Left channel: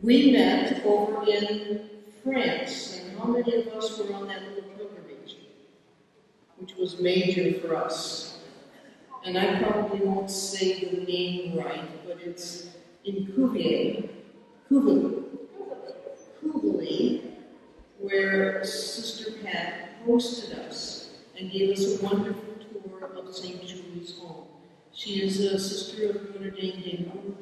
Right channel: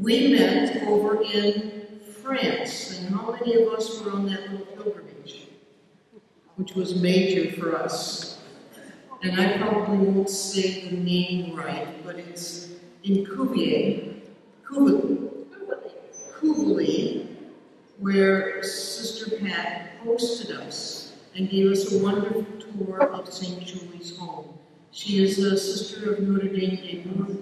We met over in France, and how many of us were on that little pilgrimage, which was major for us? And I probably won't say the name right, but it's in Cuvier, where Sister Pat hosted us and gave us a wonderful tour of St. Julie's home. She is a sister of Notre Namur,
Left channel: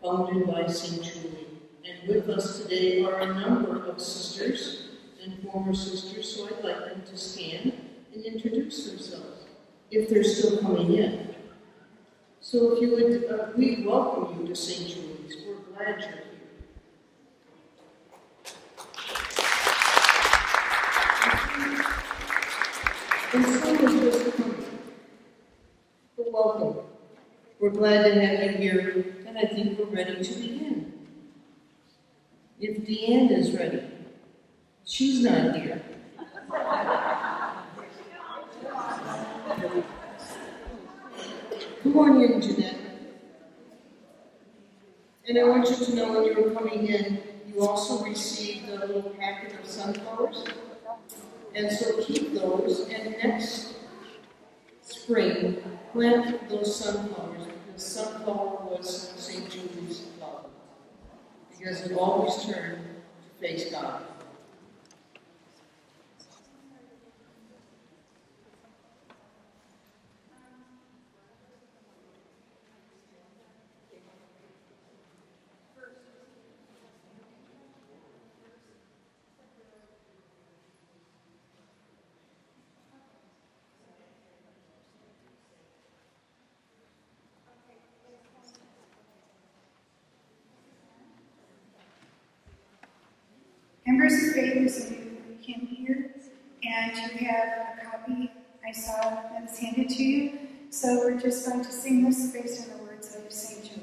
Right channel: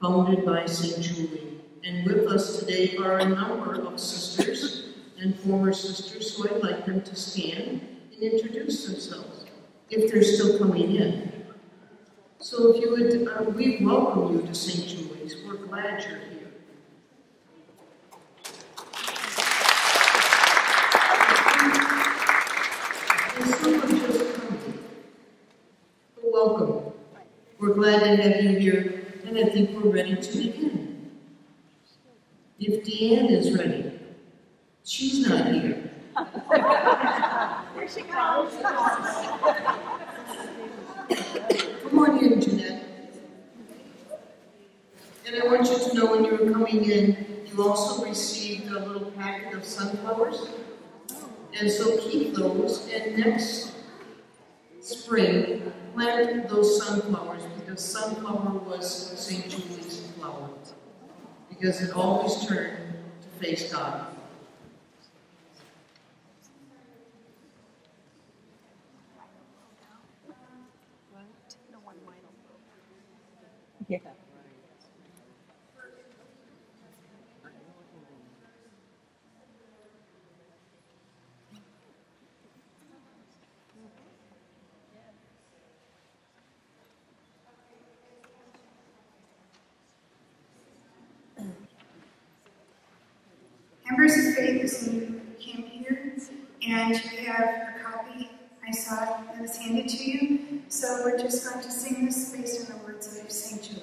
founded by St. Julie. And with us today are a number of sisters and former sisters, so I'd like them to stand and introduce themselves, if they're still coming in. So if you would, we welcome you to St. Julie's. We're glad you're here. And some are just coming. But welcome. We're glad to have you here, and I think we're ready to begin. If Deanne is ready, she's not here. Here she comes. Come on in, Jeanette. And I want you to know when you were coming in, you also received a little packet of sunflowers. And so keep those, and next spring, plant those sunflowers, because sunflower was St. Julie's flower, because it always turned to face God. Yeah. Members of Faith is when you came here, and you have a copy I saw that was handed to you. So we're just going to sing this based on the words of St. Julie.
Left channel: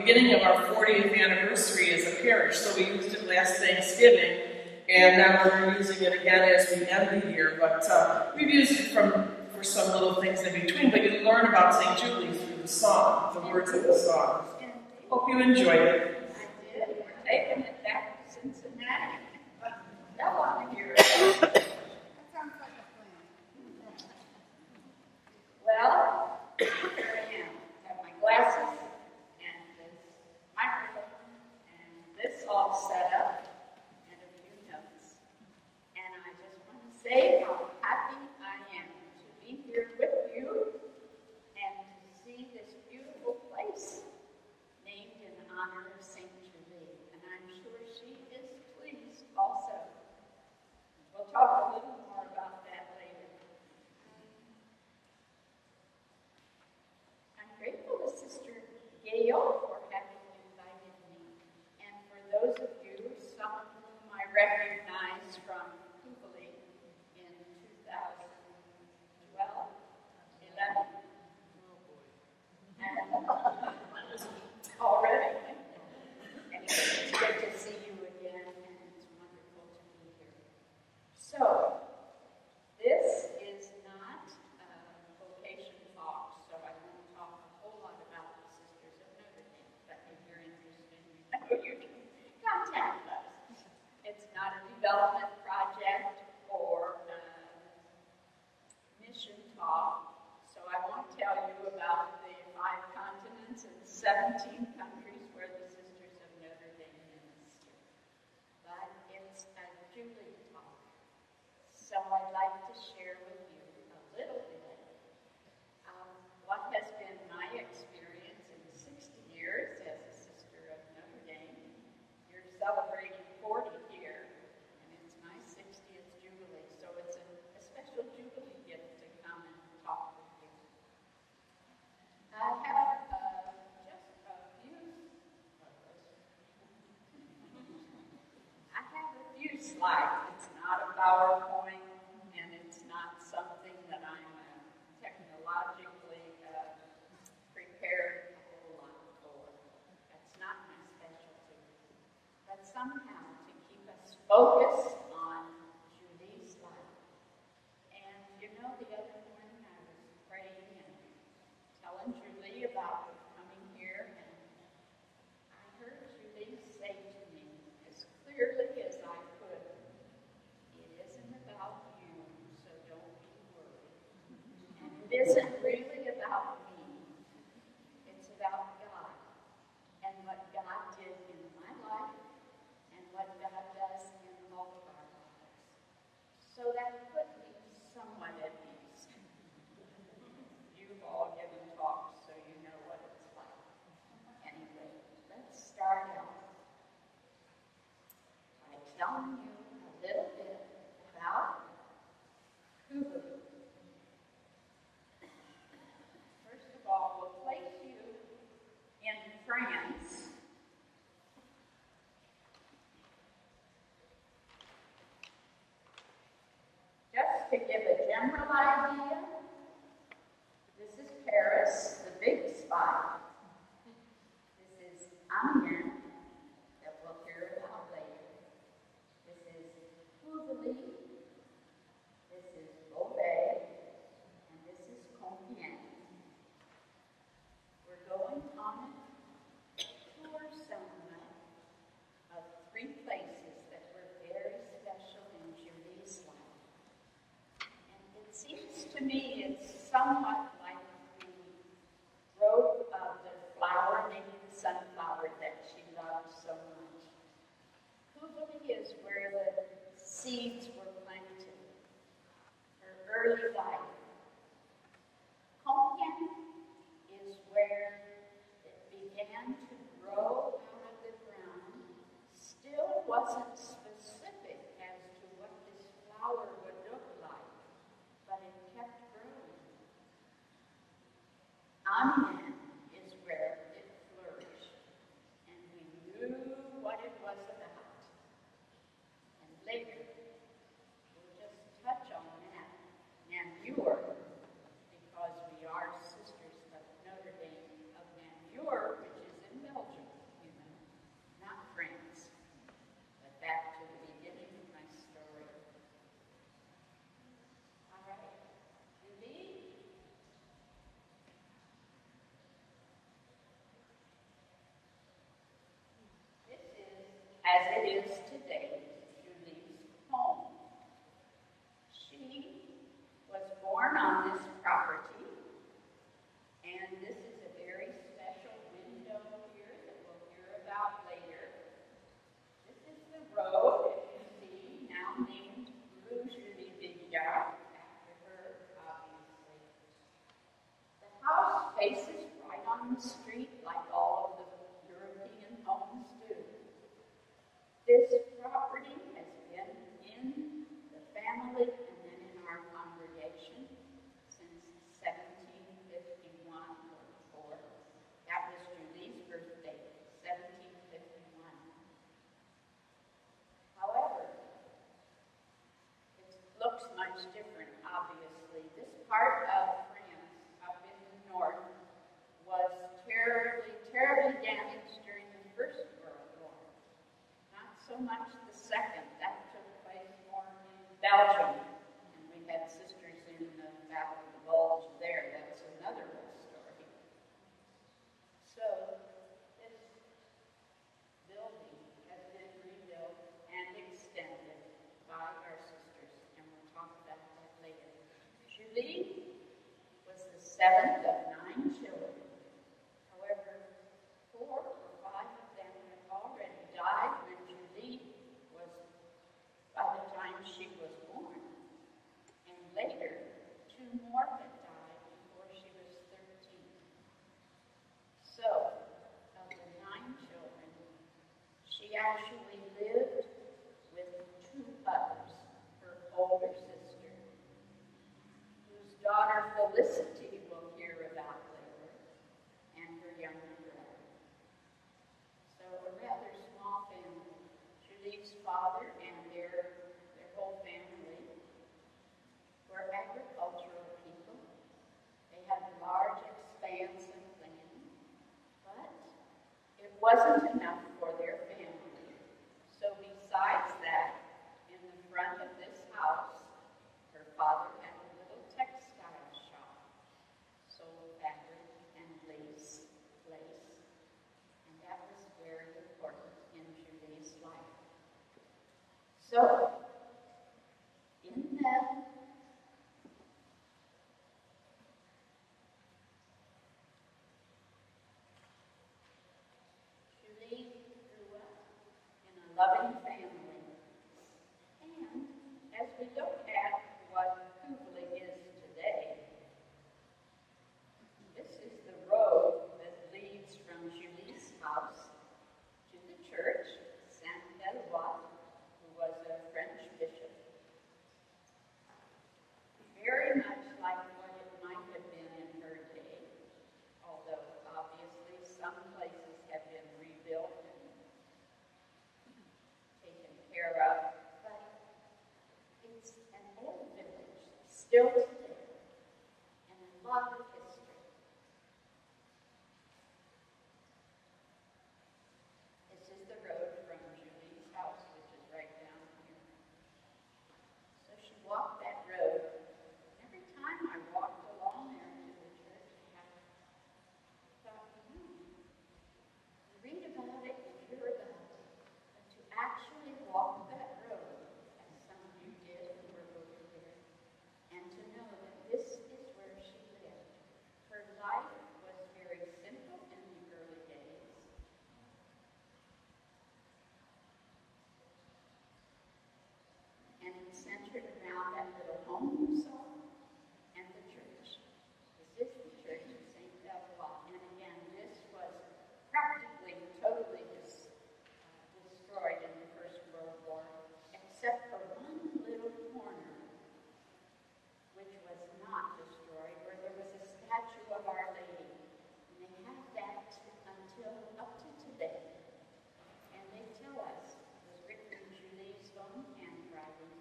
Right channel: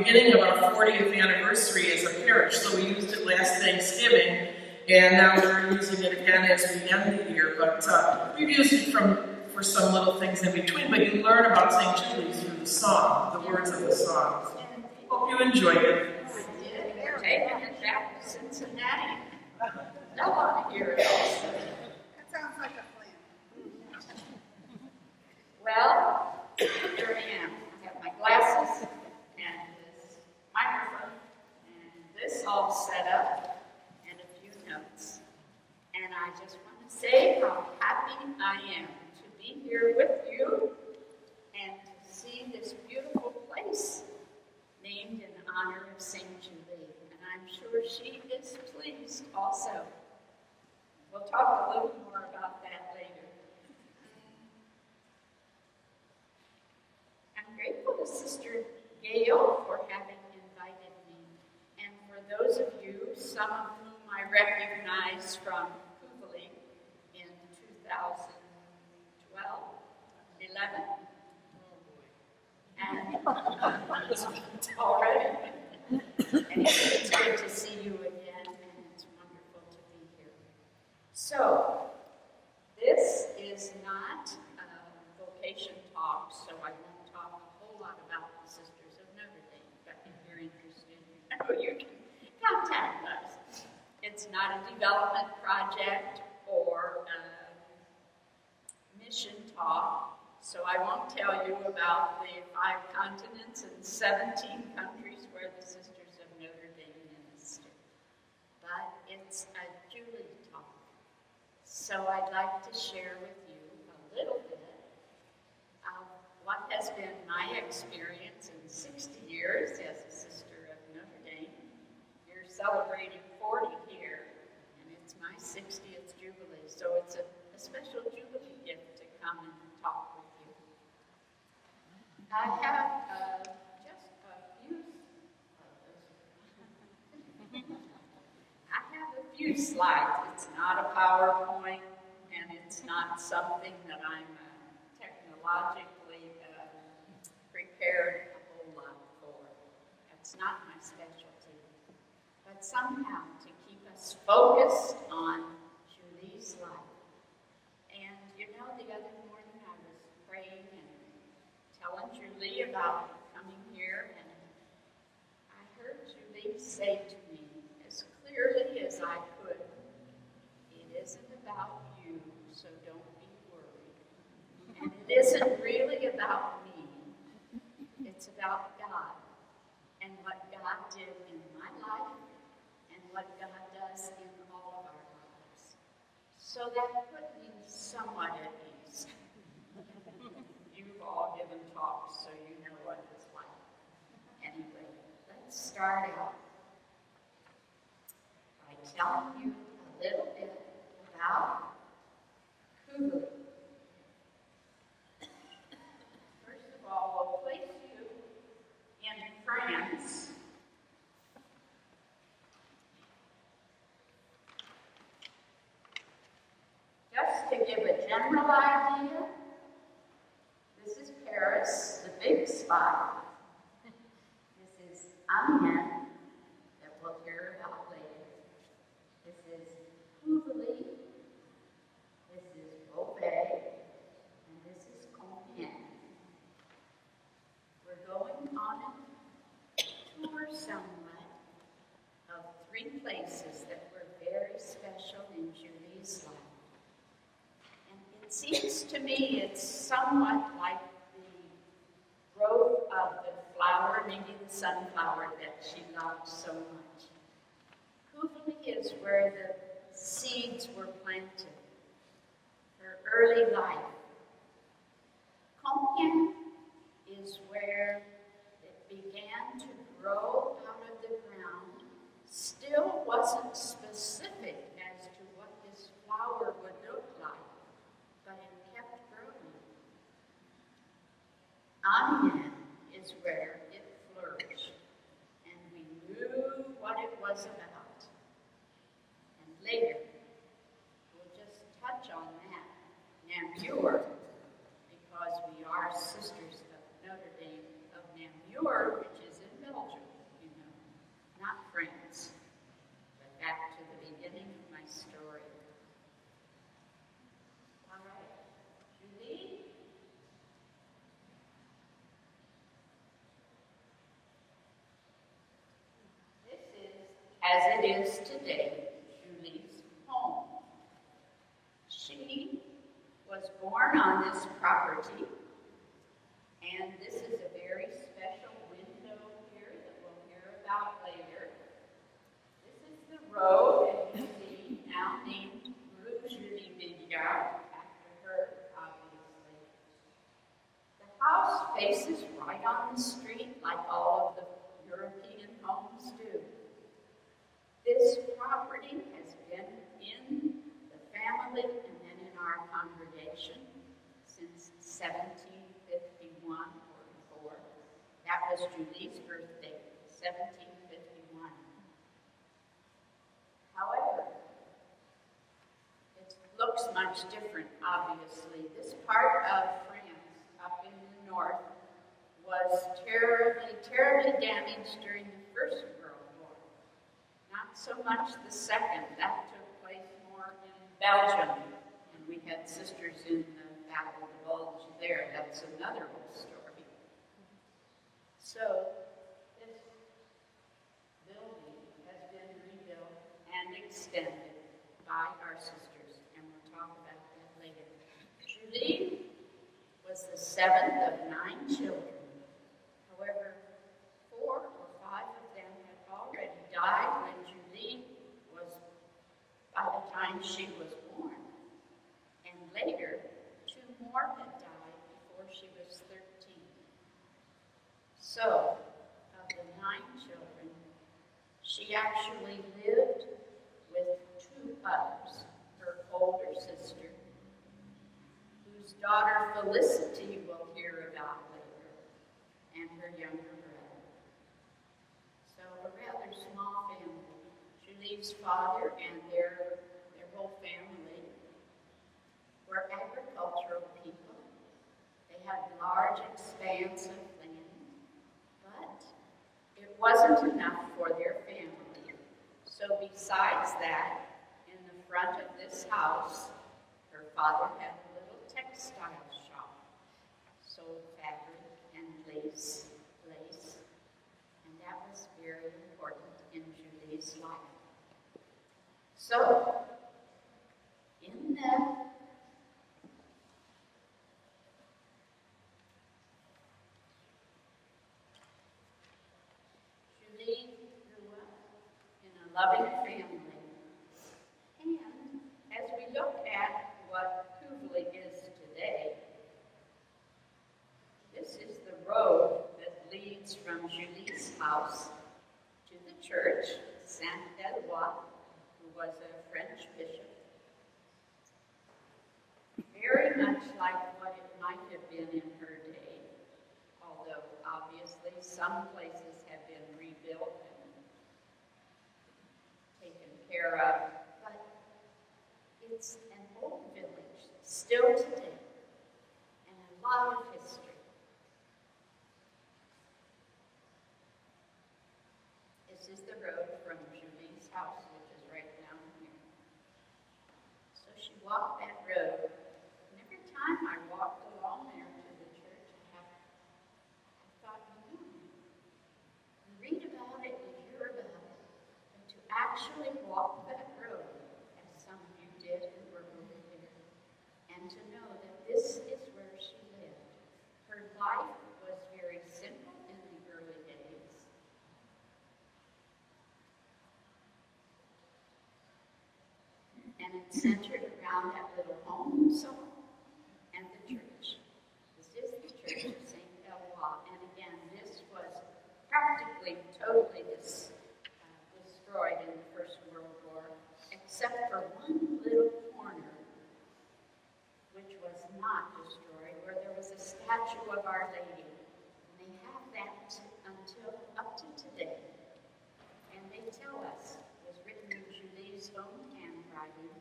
beginning of our 40th anniversary as a parish, so we used it last Thanksgiving, and now we're using it again as we end the year. But we've used it for some little things in between, but you learn about St. Julie through the song, the words of the song. Hope you enjoyed it. Taking it back to Cincinnati. I want to hear it. That sounds like a plan. Well, here I am. I have my glasses and this microphone and this all set up and a few notes. And I just want to say how happy I am to be here with you and to see this beautiful place named in honor of St. Julie. And I'm sure she is pleased also. We'll talk a little more about that later. I'm grateful to Sister Gail for having invited me. And for those of you, some of whom I recognize from Kugali in 2012, 11, and already. And it's good to see you again, and it's wonderful to be here. So, this is not a vocation talk, so I won't talk a whole lot about the Sisters of Notre Dame, but if you're interested, you can contact us. It's not a development project or a mission talk, so I won't tell you about the 5 continents and 17 countries where the Sisters of Notre Dame minister. But it's a Julie talk. So I'd like to share with you a little bit of what has been my experience in 60 years as a Sister of Notre Dame. We're celebrating 40 here, and it's my 60th Jubilee, so it's a special Jubilee gift to come and talk with you. I have just a few. I have a few slides. It's not a PowerPoint, and it's not something that I'm technologically prepared a whole lot for. That's not my specialty. But somehow to keep us focused on Julie's life. And you know, the other morning I was praying and telling Julie about coming here, and I heard Julie say to me as clearly as I could, it isn't about you, so don't be worried. And it isn't really about me. It's about God and what God did in my life and what God does in all of our lives. So that put me somewhat at ease. You've all given talks, so you know what it's like. Anyway, let's start out by telling you a little bit about Kugali. First of all, we'll place you in France. Just to give a general idea, this is Paris, the big spot. This is Amiens, that we'll hear about later. This is Kugali. This is Beauvais, and this is Compiègne. We're going on a tour somewhat of 3 places that were very special in Julie's life. And it seems to me it's somewhat like the growth of the flower, maybe the sunflower that she loved so much. Kugali is where the seeds were planted, her early life. Compiègne is where it began to grow out of the ground. Still wasn't specific as to what this flower would look like, but it kept growing. Amiens is where it flourished, and we knew what it was about. And later, we'll just touch on that. Namur, because we are Sisters of Notre Dame of Namur, which is in Belgium. as it is today, Julie's home. She was born on this property, and this is a very special window here that we'll hear about later. This is the road that you see now named Rue Julie Billiart, after her, obviously. The house faces right on the street like all of the European homes do. This property has been in the family and then in our congregation since 1751 or before. That was Julie's birthday, 1751. However, it looks much different, obviously. This part of France, up in the north, was terribly, terribly damaged during the First World War. Not so much the Second. That took place more in Belgium. And we had sisters in the Battle of the Bulge there. That's another whole story. So, this building has been rebuilt and extended by our sisters, and we'll talk about that later. Julie was the seventh of 9 children. However, 4 or 5 of them had already died when Julie was, by the time she was born. And later, 2 more had died before she was 13. So, of the 9 children, she actually lived with 2 others, her older sister, whose daughter Felicity will hear about later, and her younger brother. So a rather small family. Julie's father and their whole family were agricultural people. They had large expanse of land, but it wasn't enough for their family. So besides that, in the front of this house, her father had a little textile shop, sold fabric and lace, and that was very important in Julie's life. So, in the Julie grew up in a loving family, and as we look at what Hooverley is today, this is the road that leads from Julie's house to the church, Saint-Eloi, who was a French bishop. Very much like what it might have been in her day, although obviously some places have been rebuilt and taken care of, but it's an old village still today, and a lot of history. This is the road from Julie's house, which is right down here. So she walked that road, and every time I walked along there to the church, I thought, you read about it, you hear about it, but to actually walk that road, as some of you did who were over there, and to know that this is where she lived. Her life was very simple in the early days. And it's centered around that little home song and the church. This is the church of Saint-Eloi. And again, this was practically totally destroyed in the First World War, except for one little corner, which was not destroyed, where there was a statue of Our Lady. And they have that until up to today. And they tell us it was written in Julie's own handwriting.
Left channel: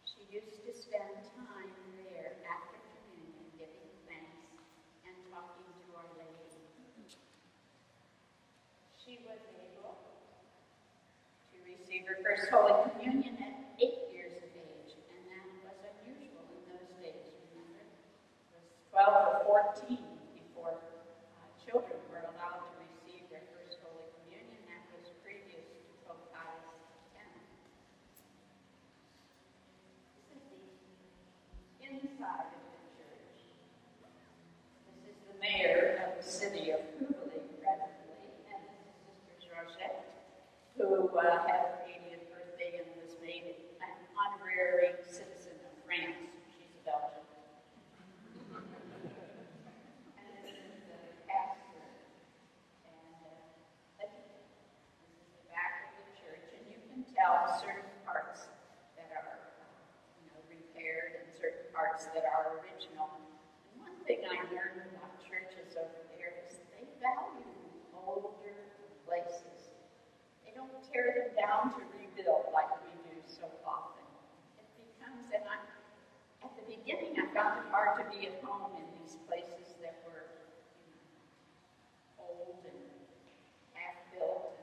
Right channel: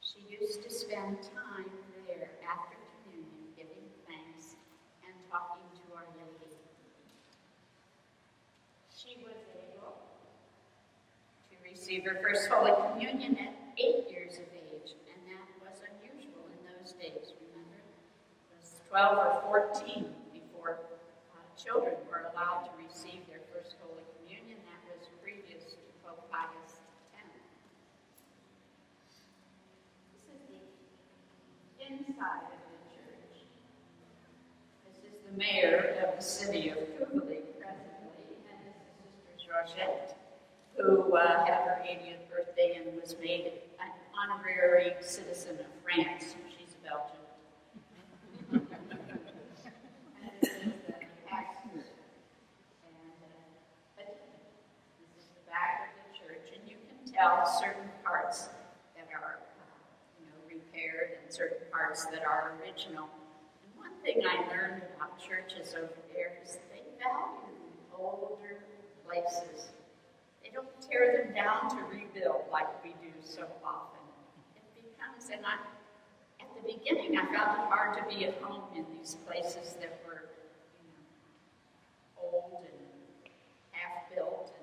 She used to spend time there after communion, giving thanks and talking to Our Lady. She was able to receive her first Holy Communion at 8 years of age, and that was unusual in those days, remember? It was 12 or 14 before children were allowed to receive their first Holy Communion. That was previous to Pope Pius inside of the church. This is the mayor of the city of Cooley presently, and this is Sister Georgette, who had her 80th birthday and was made an honorary citizen of France. She's a Belgian. And this is the pastor. But this is the back of the church, and you can tell certain parts that are repaired and certain parts that are original. And one thing I learned about churches over there is they value older places. They don't tear them down to rebuild like we do so often. It becomes, and at the beginning I found it hard to be at home in these places that were old and half-built,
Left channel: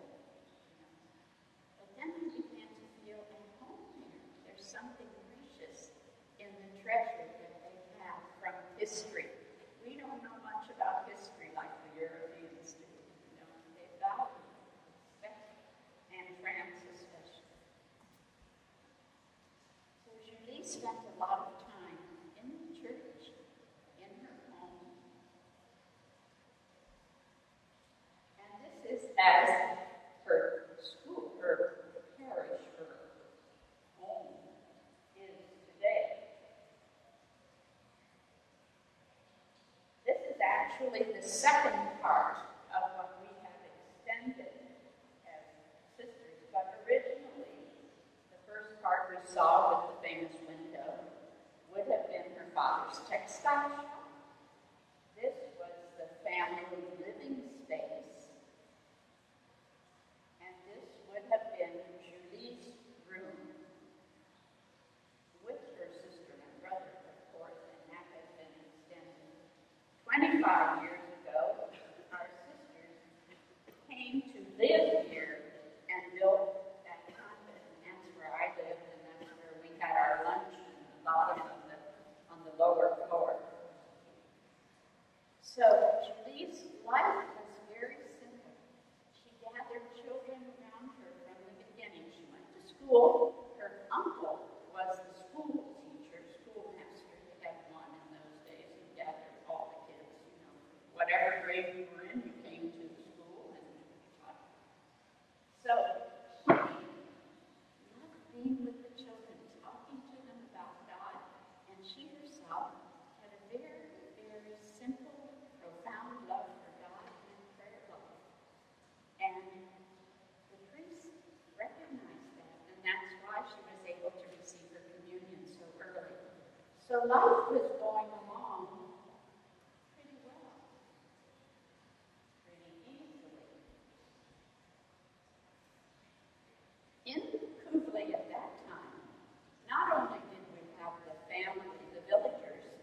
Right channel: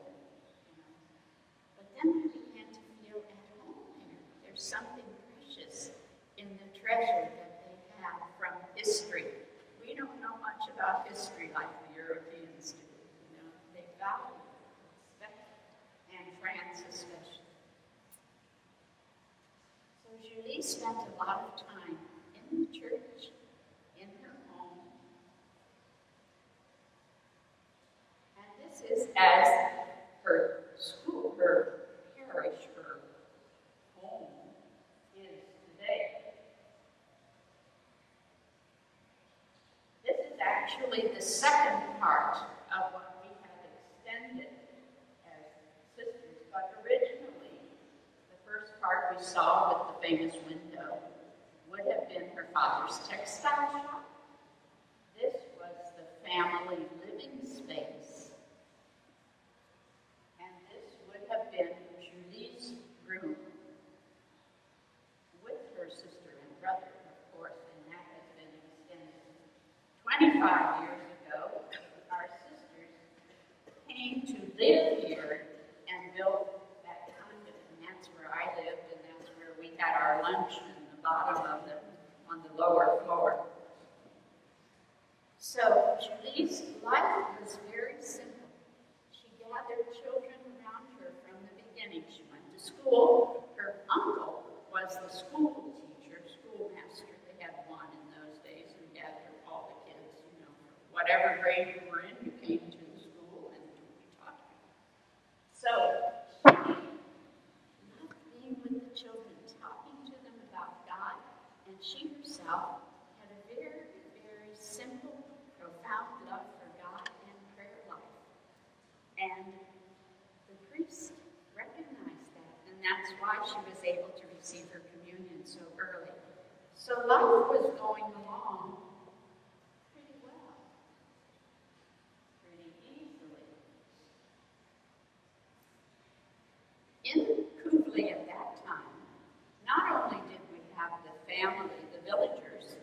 but then I began to feel at home there. There's something precious in the treasure that they have from history. We don't know much about history like the Europeans do. They value it, respect it, and France especially. So Julie spent a lot of time in the church, in her home. And this is as her school, her parish, her home is today. This is actually the second part of what we have extended as sisters, but originally the first part we saw with the famous window would have been her father's textile shop. This was the family living space. And this would have been Julie's room with her sister and brother, of course, and that has been extended. 25 years ago, our sisters came to live here and built that condo, and that's where I lived, and that's where we had our lunch in the bottom of on the lower floor. So Julie's life was very simple. She gathered children around her from the beginning. She went to school. Her uncle was the school teacher, schoolmaster. They had one in those days who gathered all the kids, whatever grade you were in, you came to the school and taught. So she loved being with the children, talking to them about God, and she herself had a very, very simple, profound love for God and prayer life. And the priest recognized that, and that's why she was able to receive her communion so early. So life was going along pretty well, pretty easily. In Cooley at that time, not only did we have the family, the villagers,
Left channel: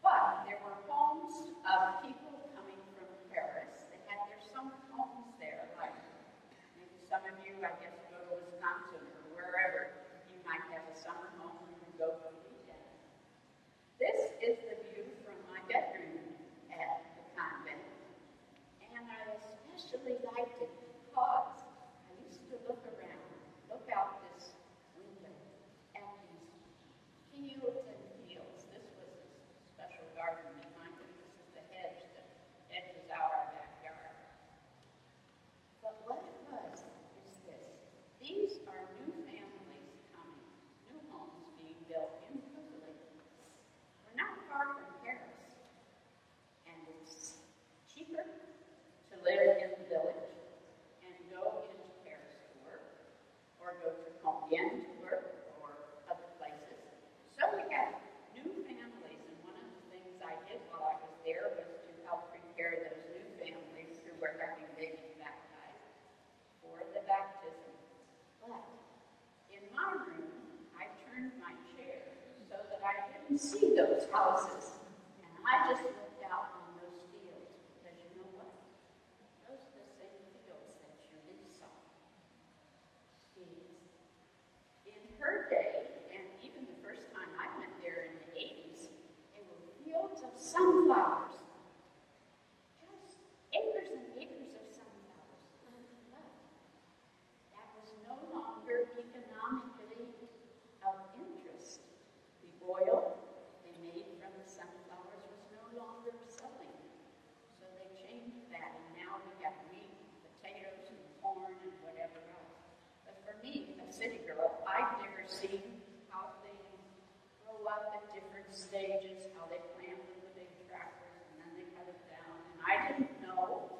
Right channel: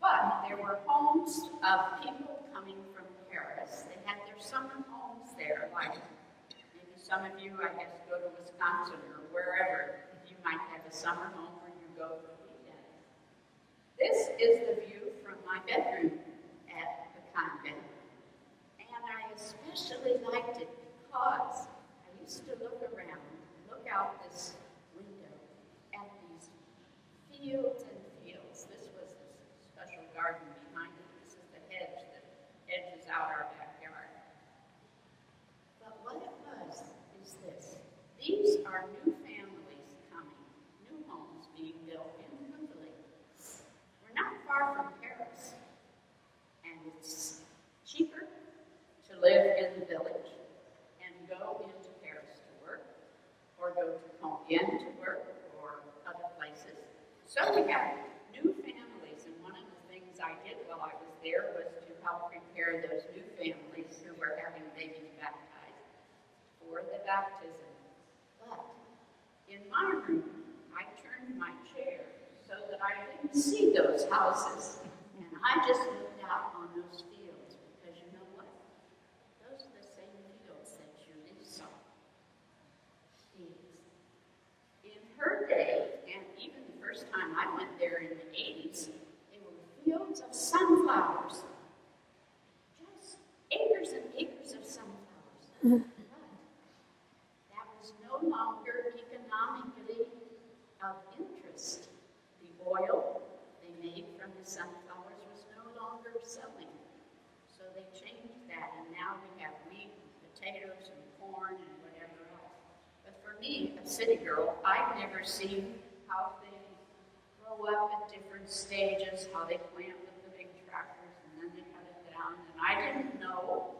but there were homes of people coming from Paris. They had their summer homes there, like maybe some of you, I guess, go to Wisconsin or wherever. You might have a summer home where you go for weekends. This is the view from my bedroom at the convent. And I especially liked it because I used to look around, look out this window at these fields and fields. This was this special garden behind it. This is the hedge that edges out our backyard. But what it was is this. These are new families coming, new homes being built in Cooley. We're not far from Paris, and it's cheaper to live in the village and go into Paris to work, or go to Compiègne to work, or other places. So we have new families, and one of the things I did while I was there was to help prepare those new families who were having babies baptized for the baptism. But in my room, I turned my chair so that I didn't see those houses, and I just looked out on those fields, because you know what? Those are the same fields that Julie saw. In her day, and even the first time I went there in the 80s, they were fields of sunflowers. Just acres and acres of sunflowers. But that was no longer economically of interest. The oil, they me, a city girl, I'd never seen how they grow up at different stages, how they plant with the big tractors and then they cut it down. And I didn't know.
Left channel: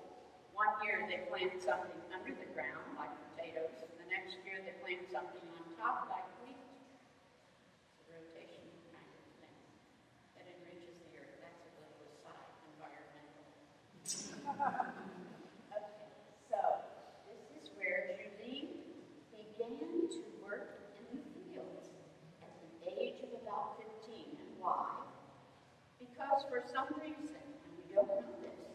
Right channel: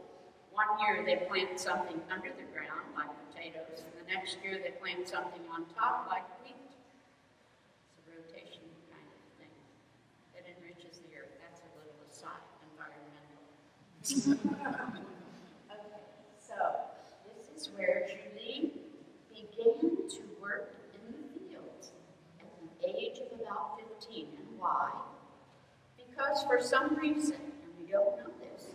One year they plant something under the ground like potatoes, and the next year they plant something on top like wheat. It's a rotation kind of thing that enriches the earth. That's a little aside, environmental. Okay, so this is where Julie began to work in the fields at the age of about 15. And why? Because for some reason, and we don't know this,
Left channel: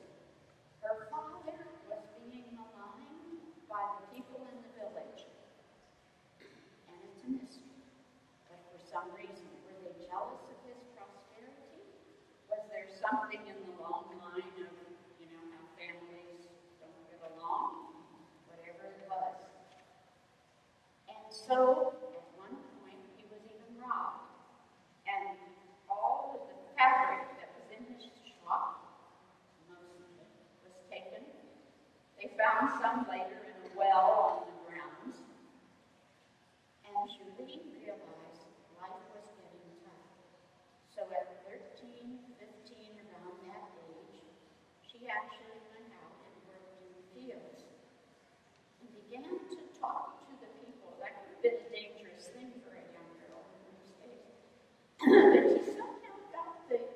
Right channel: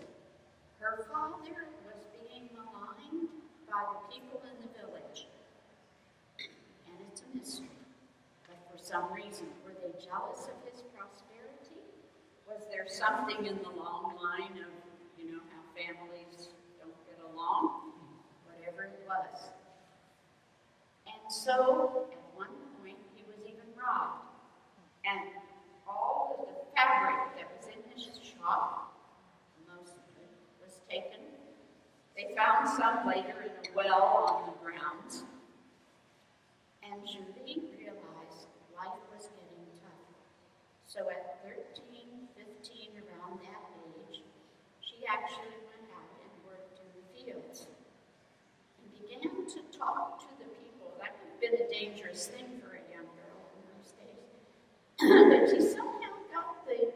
her father was being maligned by the people in the village. And it's a mystery. But for some reason, were they jealous of his prosperity? Was there something in the long line of, how families don't get along? Whatever it was. And so, at one point, he was even robbed. And all of the fabric that was in his shop, most of it, was taken. They found some later in a well on the grounds. And Julie realized life was getting tough. So at 13, 15, around that age, she actually went out and worked in the fields. And began to talk to the people. That could have been a dangerous thing for a young girl in those days. But she somehow got an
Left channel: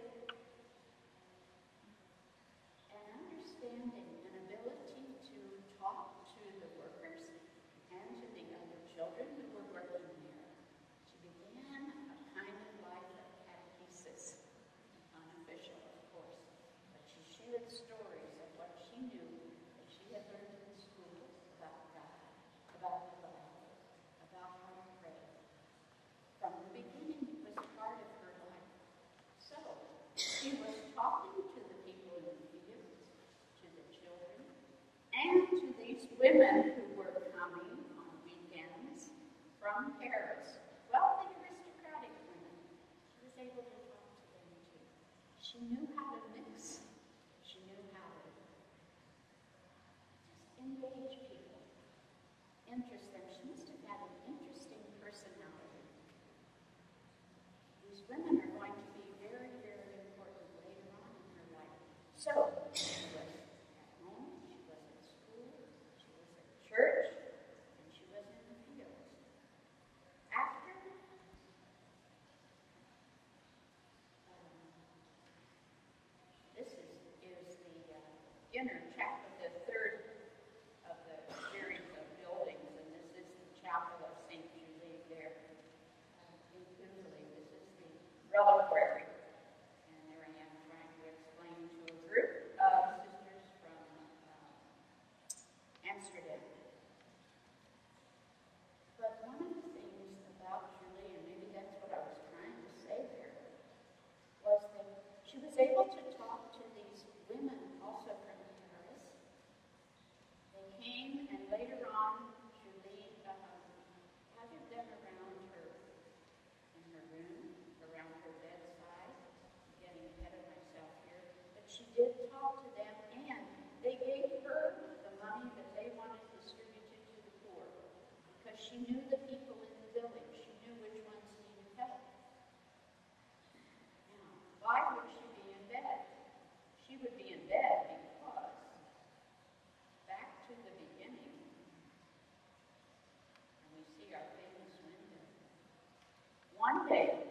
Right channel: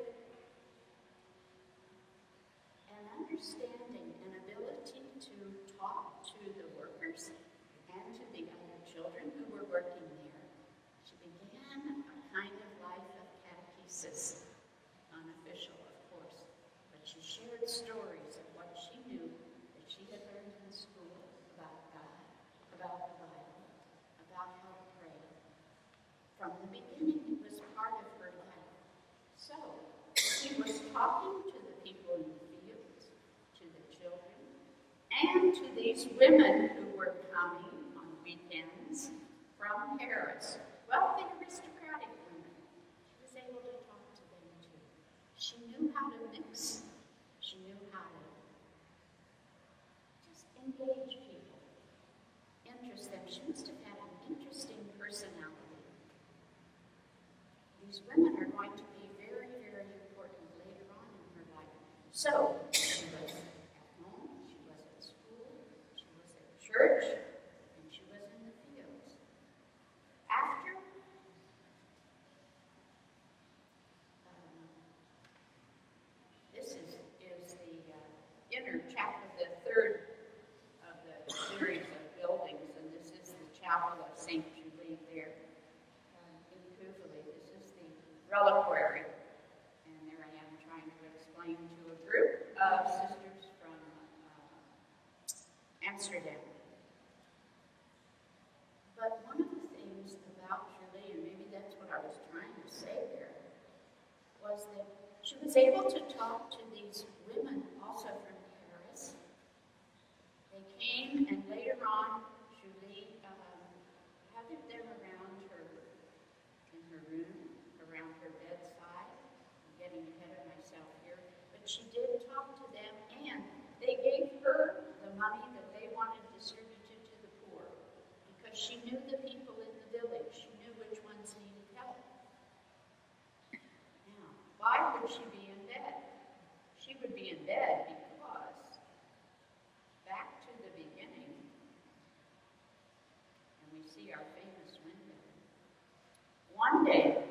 understanding, an ability to talk to the workers and to the other children who were working there. She began a kind of life of catechesis, unofficial, of course, but she shared stories of what she knew that she had learned in school about God, about the Bible, about how to pray. From the beginning, it was part of her life. So, she was talking to the people in the fields, to the children, and to these women who were coming on weekends from Paris. Wealthy, aristocratic women. She was able to talk to them too. She knew how to mix. She knew how to just engage people, interest them. She must have had an interesting personality. These women are going to be very, very important later on in her life. So, she was at home, she was at school, she was at church, and she was in the fields. After this is the inner chapel, the third of the series of buildings, and this is the chapel of St. Julie there in Couvillé. This is the reliquary, and there I am trying to explain to a group of sisters from Amsterdam. But one of the things about Julie, and maybe that's what I was trying to say there, was that she was able to talk to these women also from Paris. They came, and later on, Julie huddled them around her, in her room, around her bedside. I'm getting ahead of myself here. But she did talk to them, and they gave her the money that they wanted distributed to the poor, because she knew the people in the village. She knew which ones needed help. Now, why would she be in bed? She would be in bed because, back to the beginning, and we see our famous window. One day,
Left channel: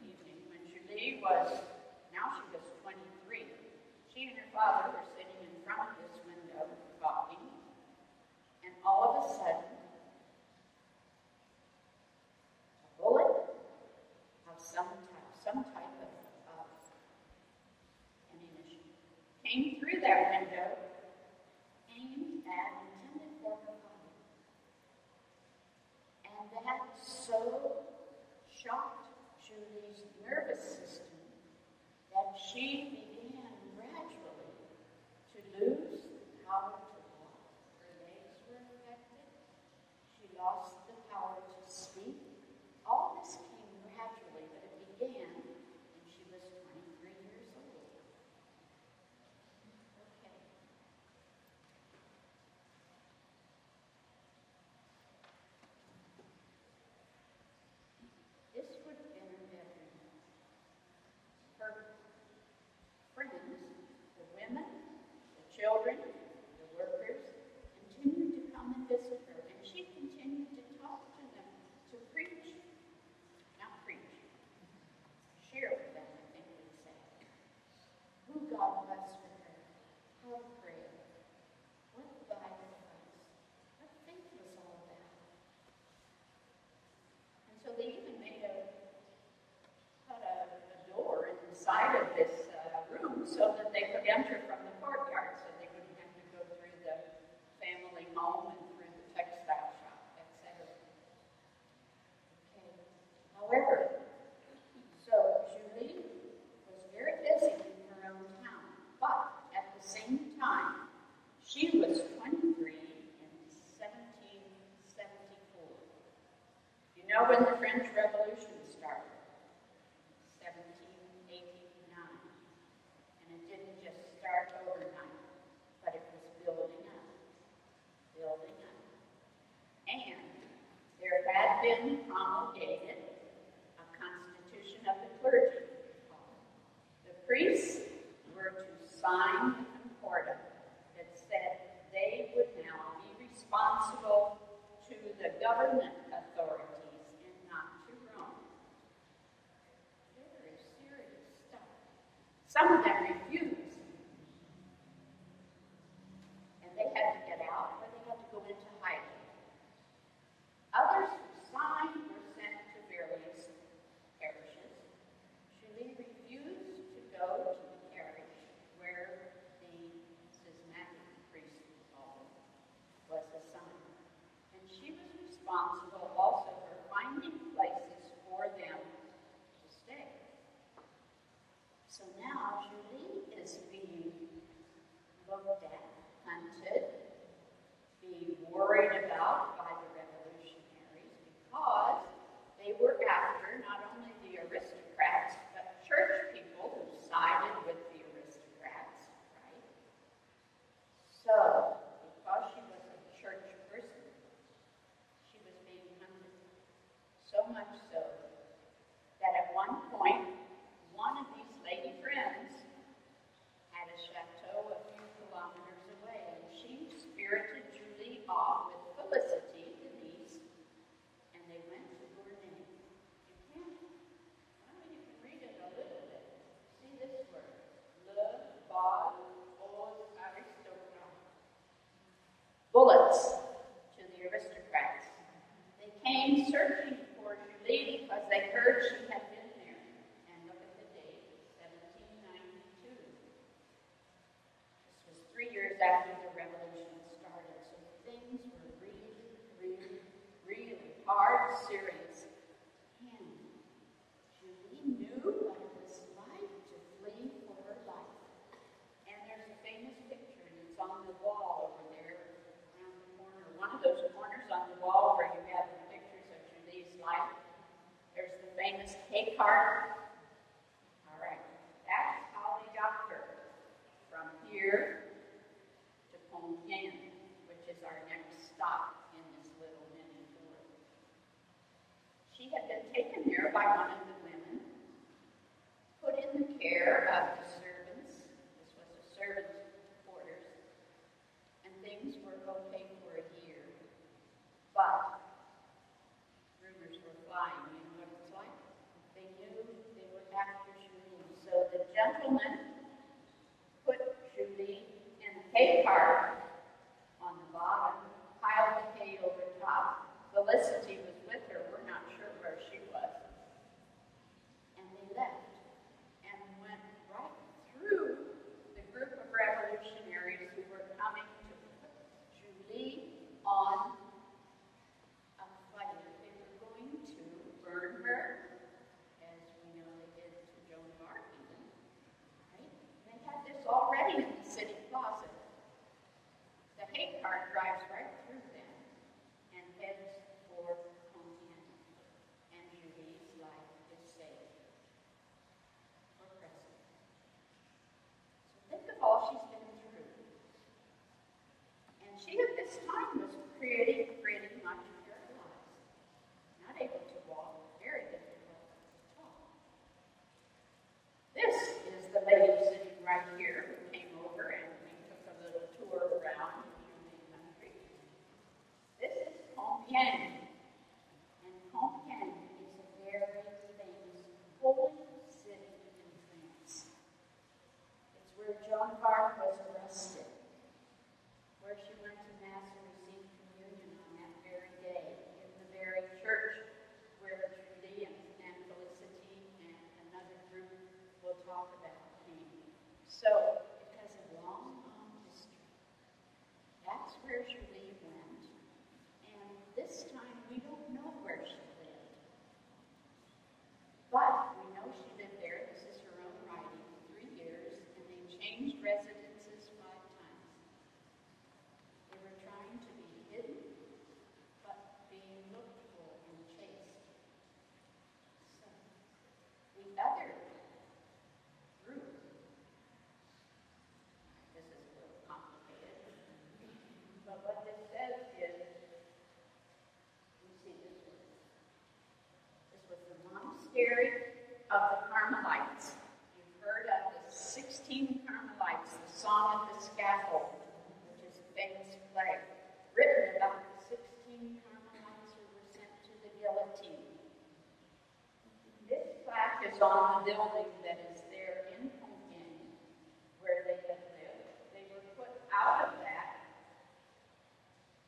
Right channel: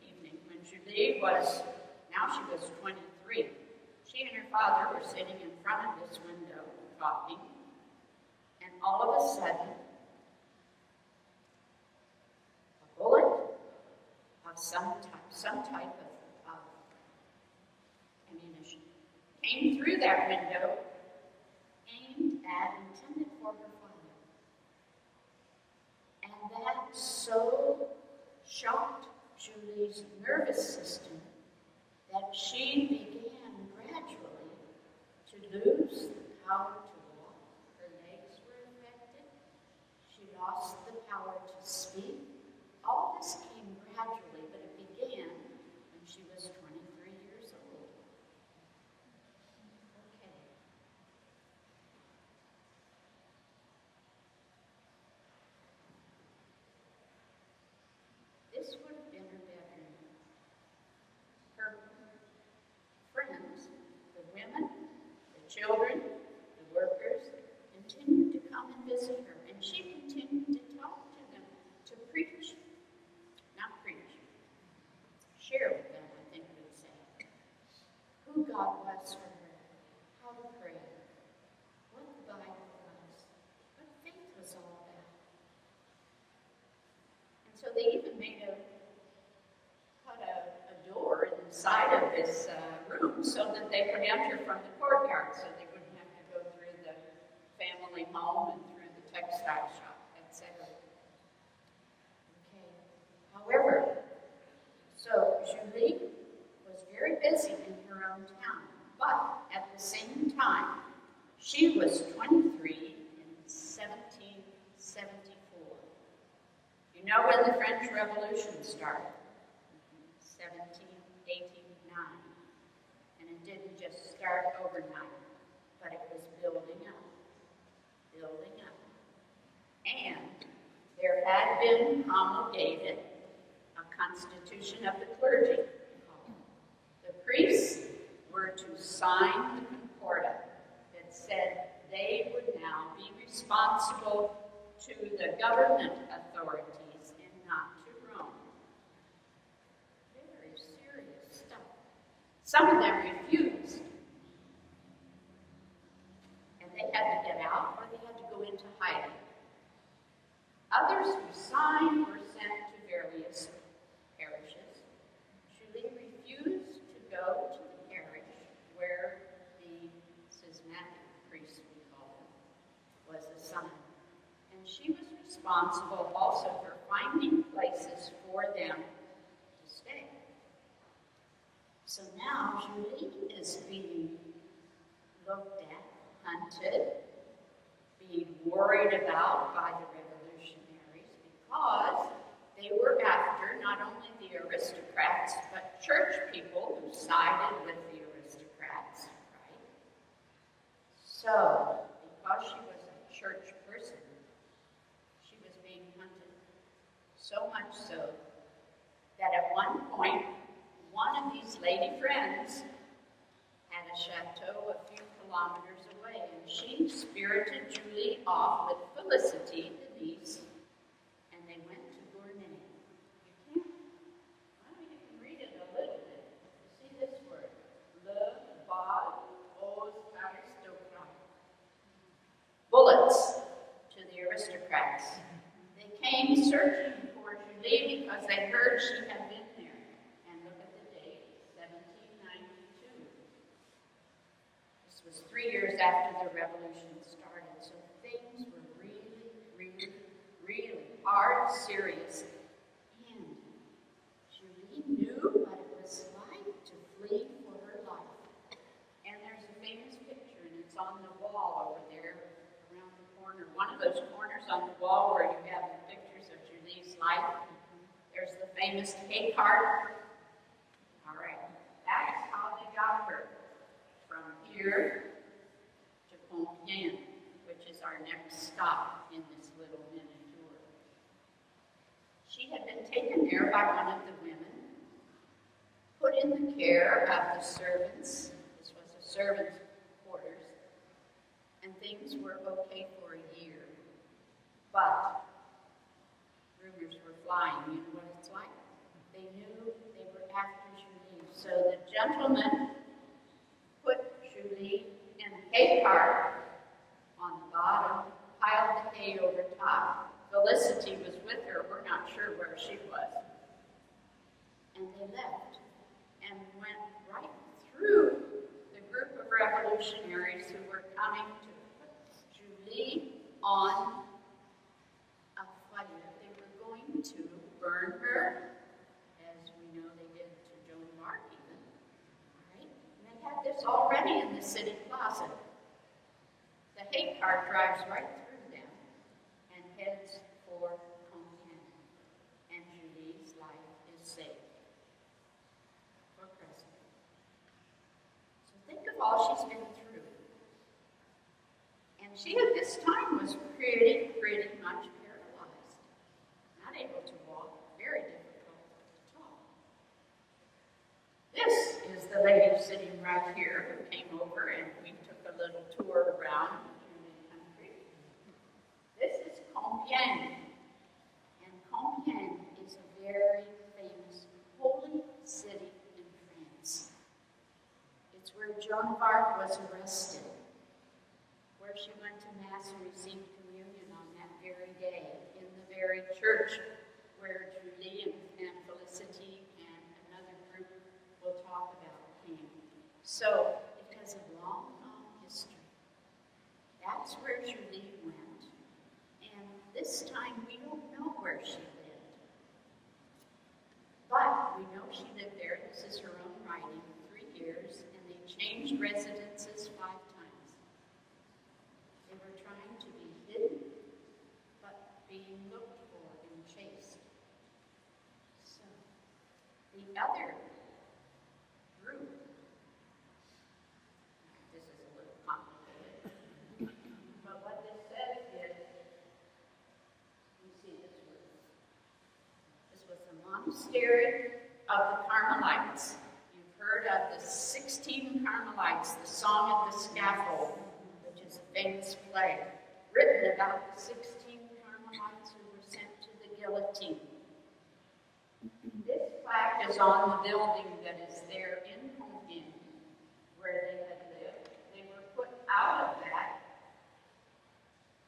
evening, when Julie was, now she was 23, she and her father were sitting in front of this window talking, and all of a sudden, a bullet of some type of ammunition came through that window, intended for her father. And that so shocked Julie's nervous system that she began gradually to lose the power to walk. Her legs were affected. She lost the power to speak. All this came gradually, but it began when she was 23 years old. Okay. know when the French Revolution started, 1789, and it didn't just start overnight, but it was building up, building up. And there had been promulgated a constitution of the clergy. The priests were to sign the concordat that said they would now be responsible to the government authorities and not to Rome. Very serious stuff. Some of them refused. And they had to get out or they had to go into hiding. Others who signed were sent to various parishes. Julie refused to go to the parish where the schismatic priest, we call him, was assigned. And she was responsible also for finding places for them to stay. So now Julie is being looked at, hunted, being worried about by the revolutionaries because they were after not only the aristocrats, but church people who sided with the aristocrats, right? So, because she was a church person, she was being hunted so much so that at one point, one of these lady friends had a chateau a few kilometers away, and she spirited Julie off with Felicity, the niece, and they went to Gournay. You can read it a little bit. See this word, le bal aux aristocrates. Bullets to the aristocrats. They came searching for Julie because they heard she had been there. And look at the date, 1792. This was 3 years after the revolution started, so things were really, really, really hard, serious. And Julie knew what it was like to flee for her life. And there's a famous picture, and it's on the wall over there around the corner. One of those corners on the wall where you have the pictures of Julie's life. There's the famous hay cart. All right, that's how they got her from here to Compiègne, which is our next stop in this little mini tour. She had been taken there by one of the women, put in the care of the servants. This was a servant's quarters, and things were okay for a year. But rumors were flying. You know what it's like? They knew they were after Julie. So the gentleman put Julie in a hay cart on the bottom, piled the hay over top. Felicity was with her. We're not sure where she was. And they left and went right through the group of revolutionaries who were coming to put Julie on a fire. They were going to burn her, as we know they did to Joan of Arc even. Right? And they had this already in the city plaza. The hay cart drives right through them and heads for Compiègne. And Julie's life is saved for Christmas. So think of all she's been through. And she at this time was pretty much paralyzed. Not able to walk, very difficult to talk. This is the lady sitting right here who came over and we took a little tour around the country. This is Compiègne. And Compiègne is a very famous holy city in France. It's where Joan of Arc was arrested, where she went to Mass and received communion on that very day, in the very church where Julie and Felicity and another group we'll talk about came. So it has a long, long history. That's where Julie went. And this time we don't know where she lived. But we know she lived there. This is her own writing, 3 years, and they changed residences 5 times. They were trying to be hidden, but being looked for and chased. the other group, this is a little complicated, but what this says is, you see this was the monastery of the Carmelites. You've heard of the 16 Carmelites, the Song of the Scaffold, which is a famous play, written about the 16 Carmelites who were sent to the guillotine. This plaque is on the building that is there in Compiègne, where they had lived. They were put out of that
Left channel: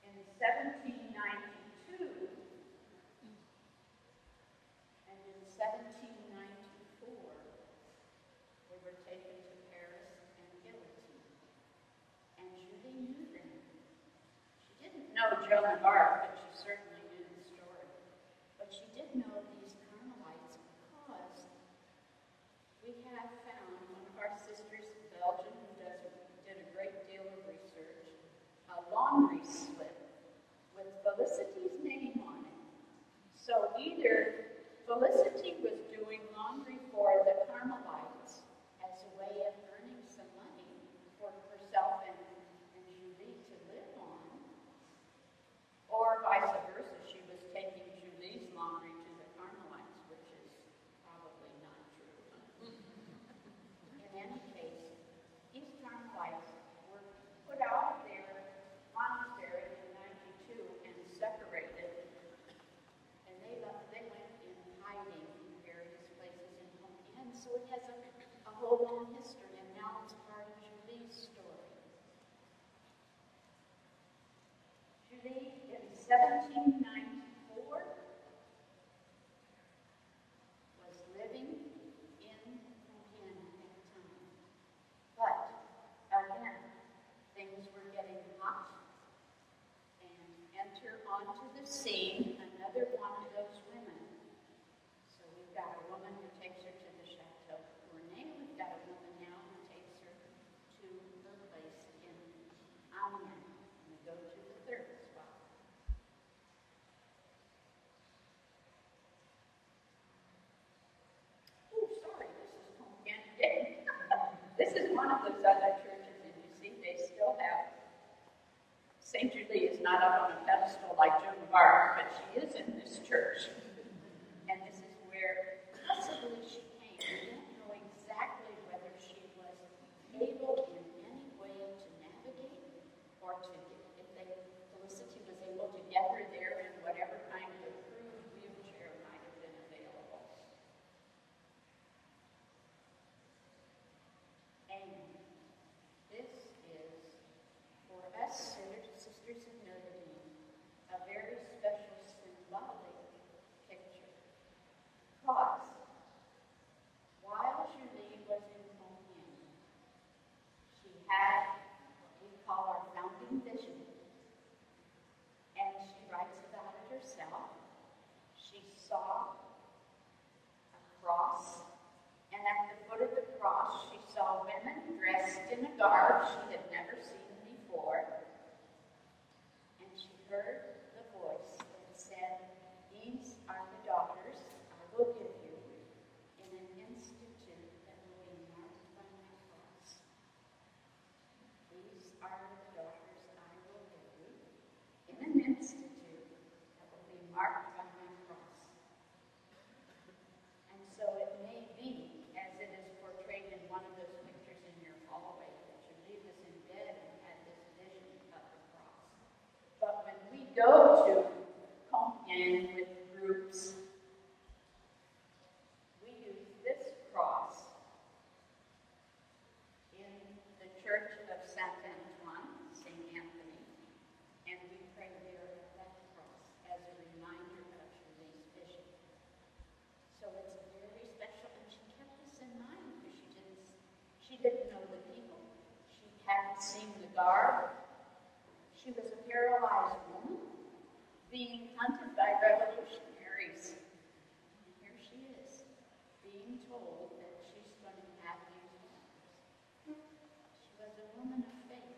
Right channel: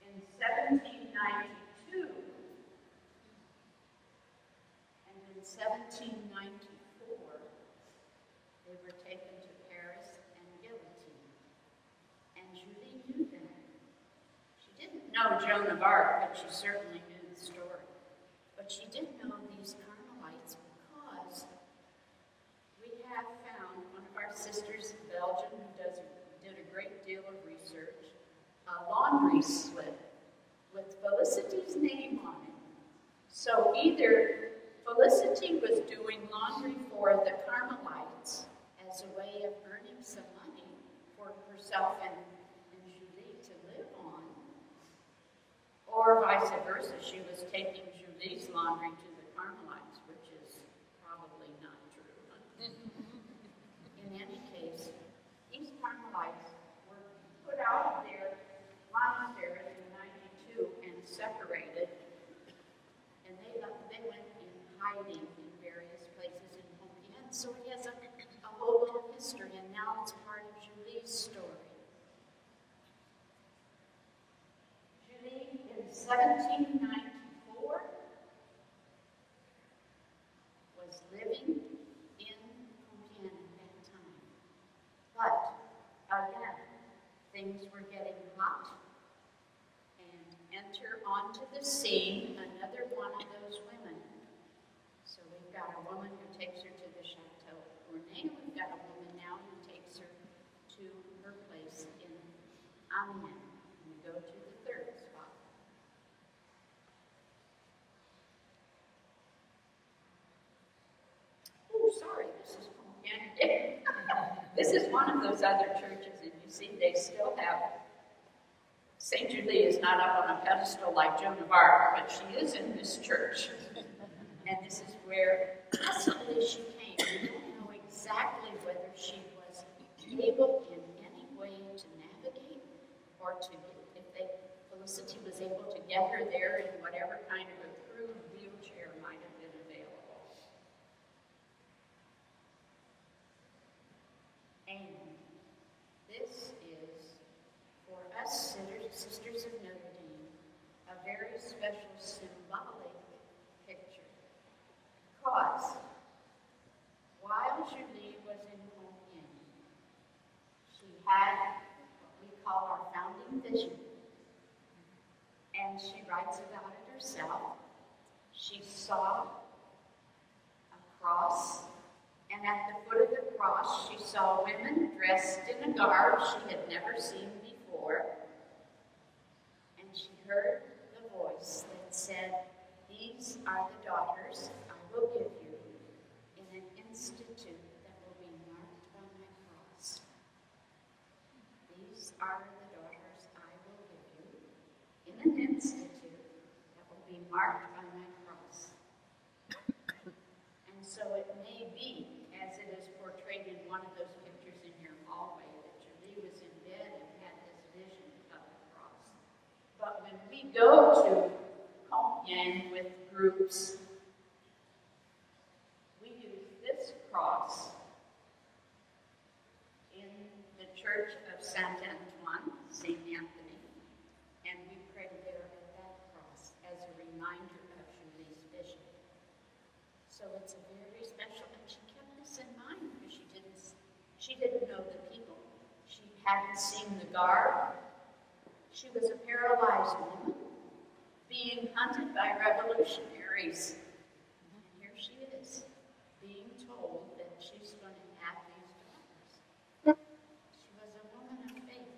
in 1792, and in 1794, they were taken to Paris and guillotined. And Julie knew them. She didn't know Joan of Arc, but she certainly knew the story. But she did know these Carmelites because we have found one of our sisters in Belgium who did a great deal of research, a laundry slip with Felicity's name on it. So either Felicity was doing laundry for the Carmelites as a way of earning some money for herself and Julie to live on, or vice versa, she was taking Julie's laundry to the Carmelites, which is probably not true. In any case, these Carmelites were put out of their monastery in 92 and separated, and they went in hiding in various places in Compiègne. So it has a whole long history, and now it's part of Julie's story. Julie, in 1794, was living in Compiègne at that time. But, again, things were getting hot, and enter onto the scene another one of those women. So we've got a woman who takes her to the Chateau Gournay. We've got a woman now who takes her to her place in Amiens. And we go to the third spot. Oh, sorry, this is Compiègne. This is one of those other churches, and you see they still have St. Julie is not up on a pedestal like Joan of Arc, but she is in this church. And this is where possibly she came. We don't know exactly whether she was able in any way to navigate or to, Felicity was able to get her there in whatever kind of a crude wheelchair might have been available. And this is, for us Sisters of Notre Dame, a very special symbolic picture. Because while Julie was in Compiègne, she had what we call our founding vision. And she writes about it herself. She saw a cross, and at the foot of the cross, she saw women dressed in a garb she had never seen before. And she heard the voice that said, "These are the daughters I will give you in an institute that will be marked by my cross. These are the daughters I will give you in an institute that will be marked by my cross." And so it may be, as it is portrayed in one of those pictures in your hallway, that Julie was in bed and had this vision of the cross. But when we go to Compiègne with groups, we use this cross in the Church of Saint Antoine, St. Anthony, and we pray there at that cross as a reminder of Julie's vision. So it's a very special, and she kept this in mind because she didn't know the people. She hadn't seen the garb. She was a paralyzed woman being hunted by revolutionaries. And here she is, being told that she's going to have these daughters. She was a woman of faith,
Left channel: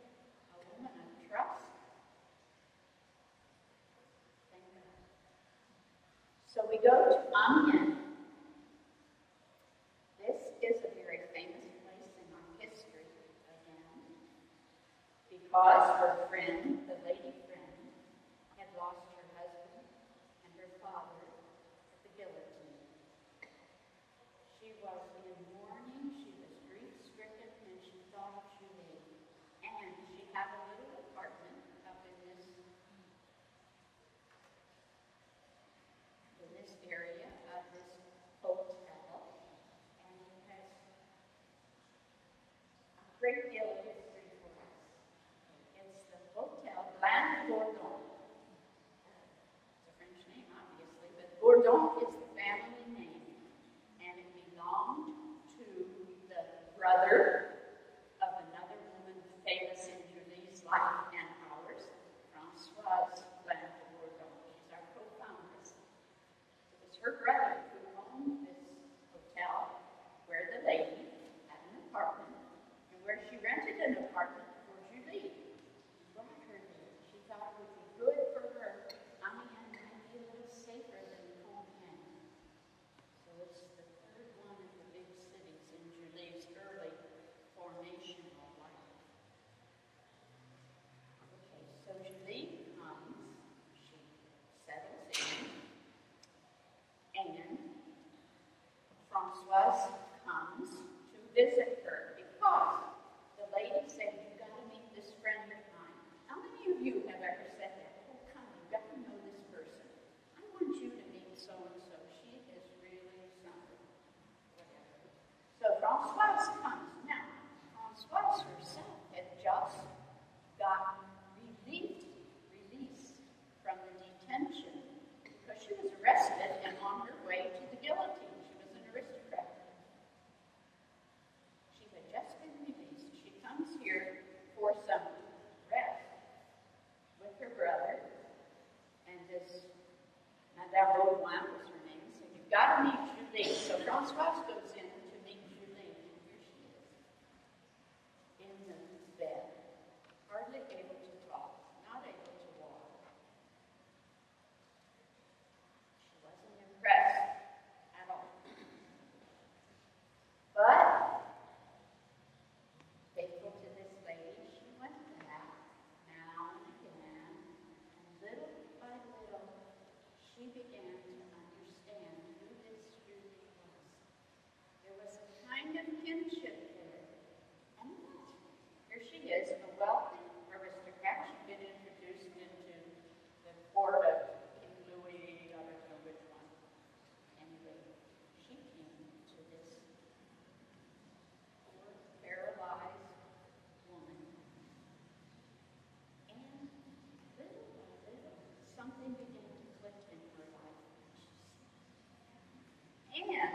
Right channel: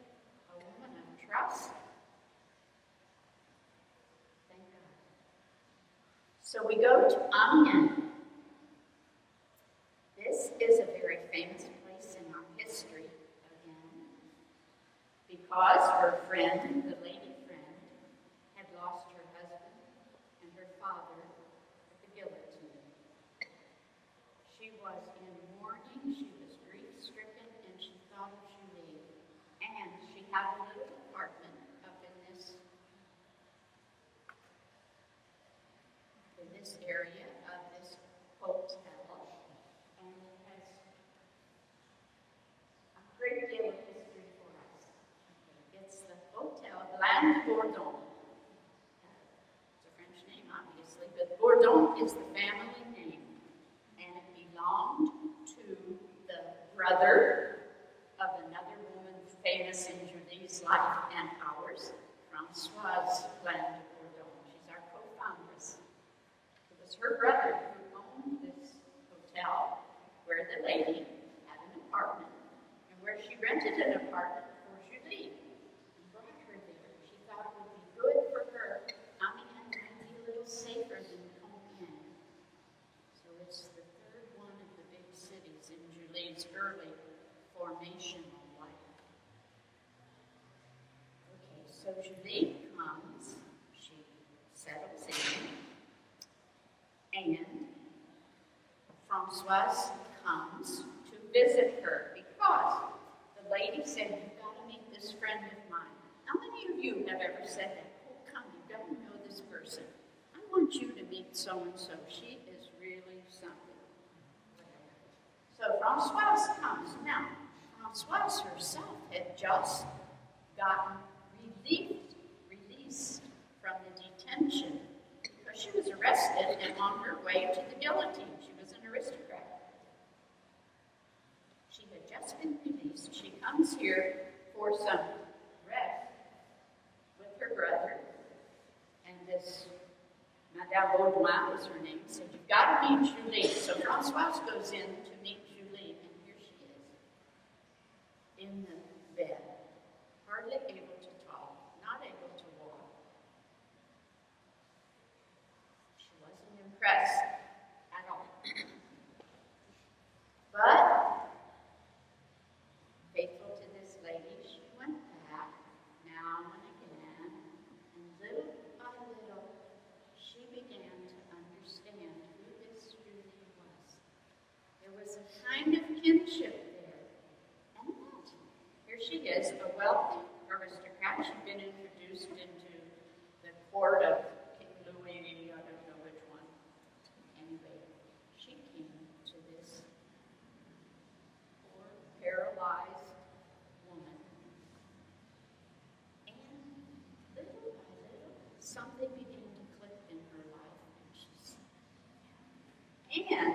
a woman of trust. Thank God. So we go to Amiens. because her friend, the lady friend, had lost her husband and her father at the guillotine. She was in mourning, she was grief-stricken, and she thought of Julie. And she had a little apartment up in this area of this hotel, and it has a great deal of history for us. It's the Hotel Bland Bourdon. It's a French name, obviously, but Bourdon is the family name, and it belonged to the brother of another woman famous in Julie's life and ours, Françoise Bland Bourdon. She's our co-foundress. It was her brother who owned this hotel where the lady had an apartment and where she rented an apartment for Julie and brought her there. She thought it would be good for her. Amiens might be a little safer than Compiègne. So it's the third one of the big cities in Julie's early formational life. Okay, so Julie comes, she settles in, and Françoise comes to visit her because the lady said, "You've got to meet this friend of mine." How many of you have ever said that? "Oh, come, you've got to know this person. I want you to meet so-and-so. She is really something." So Françoise comes. Now, Françoise herself had just gotten released from the detention because she was arrested and on her way to the guillotine. She was an aristocrat. She had just been released. She comes here for some rest with her brother, and this Madame Baudouin was her name, said, "You've got to meet Julie." So Françoise goes in to meet Julie, and here she is in the bed, hardly able to talk, not able to walk. She wasn't impressed at all. But, faithful to this lady, she went back now and again, and little by little, she began to understand who this Julie was. There was a kind of kinship there. And yet, here she is, a wealthy aristocrat. She'd been introduced into the court of King Louis, I don't know which one. Anyway, she came to this poor, paralyzed woman. And little by little, something began to click in her life. And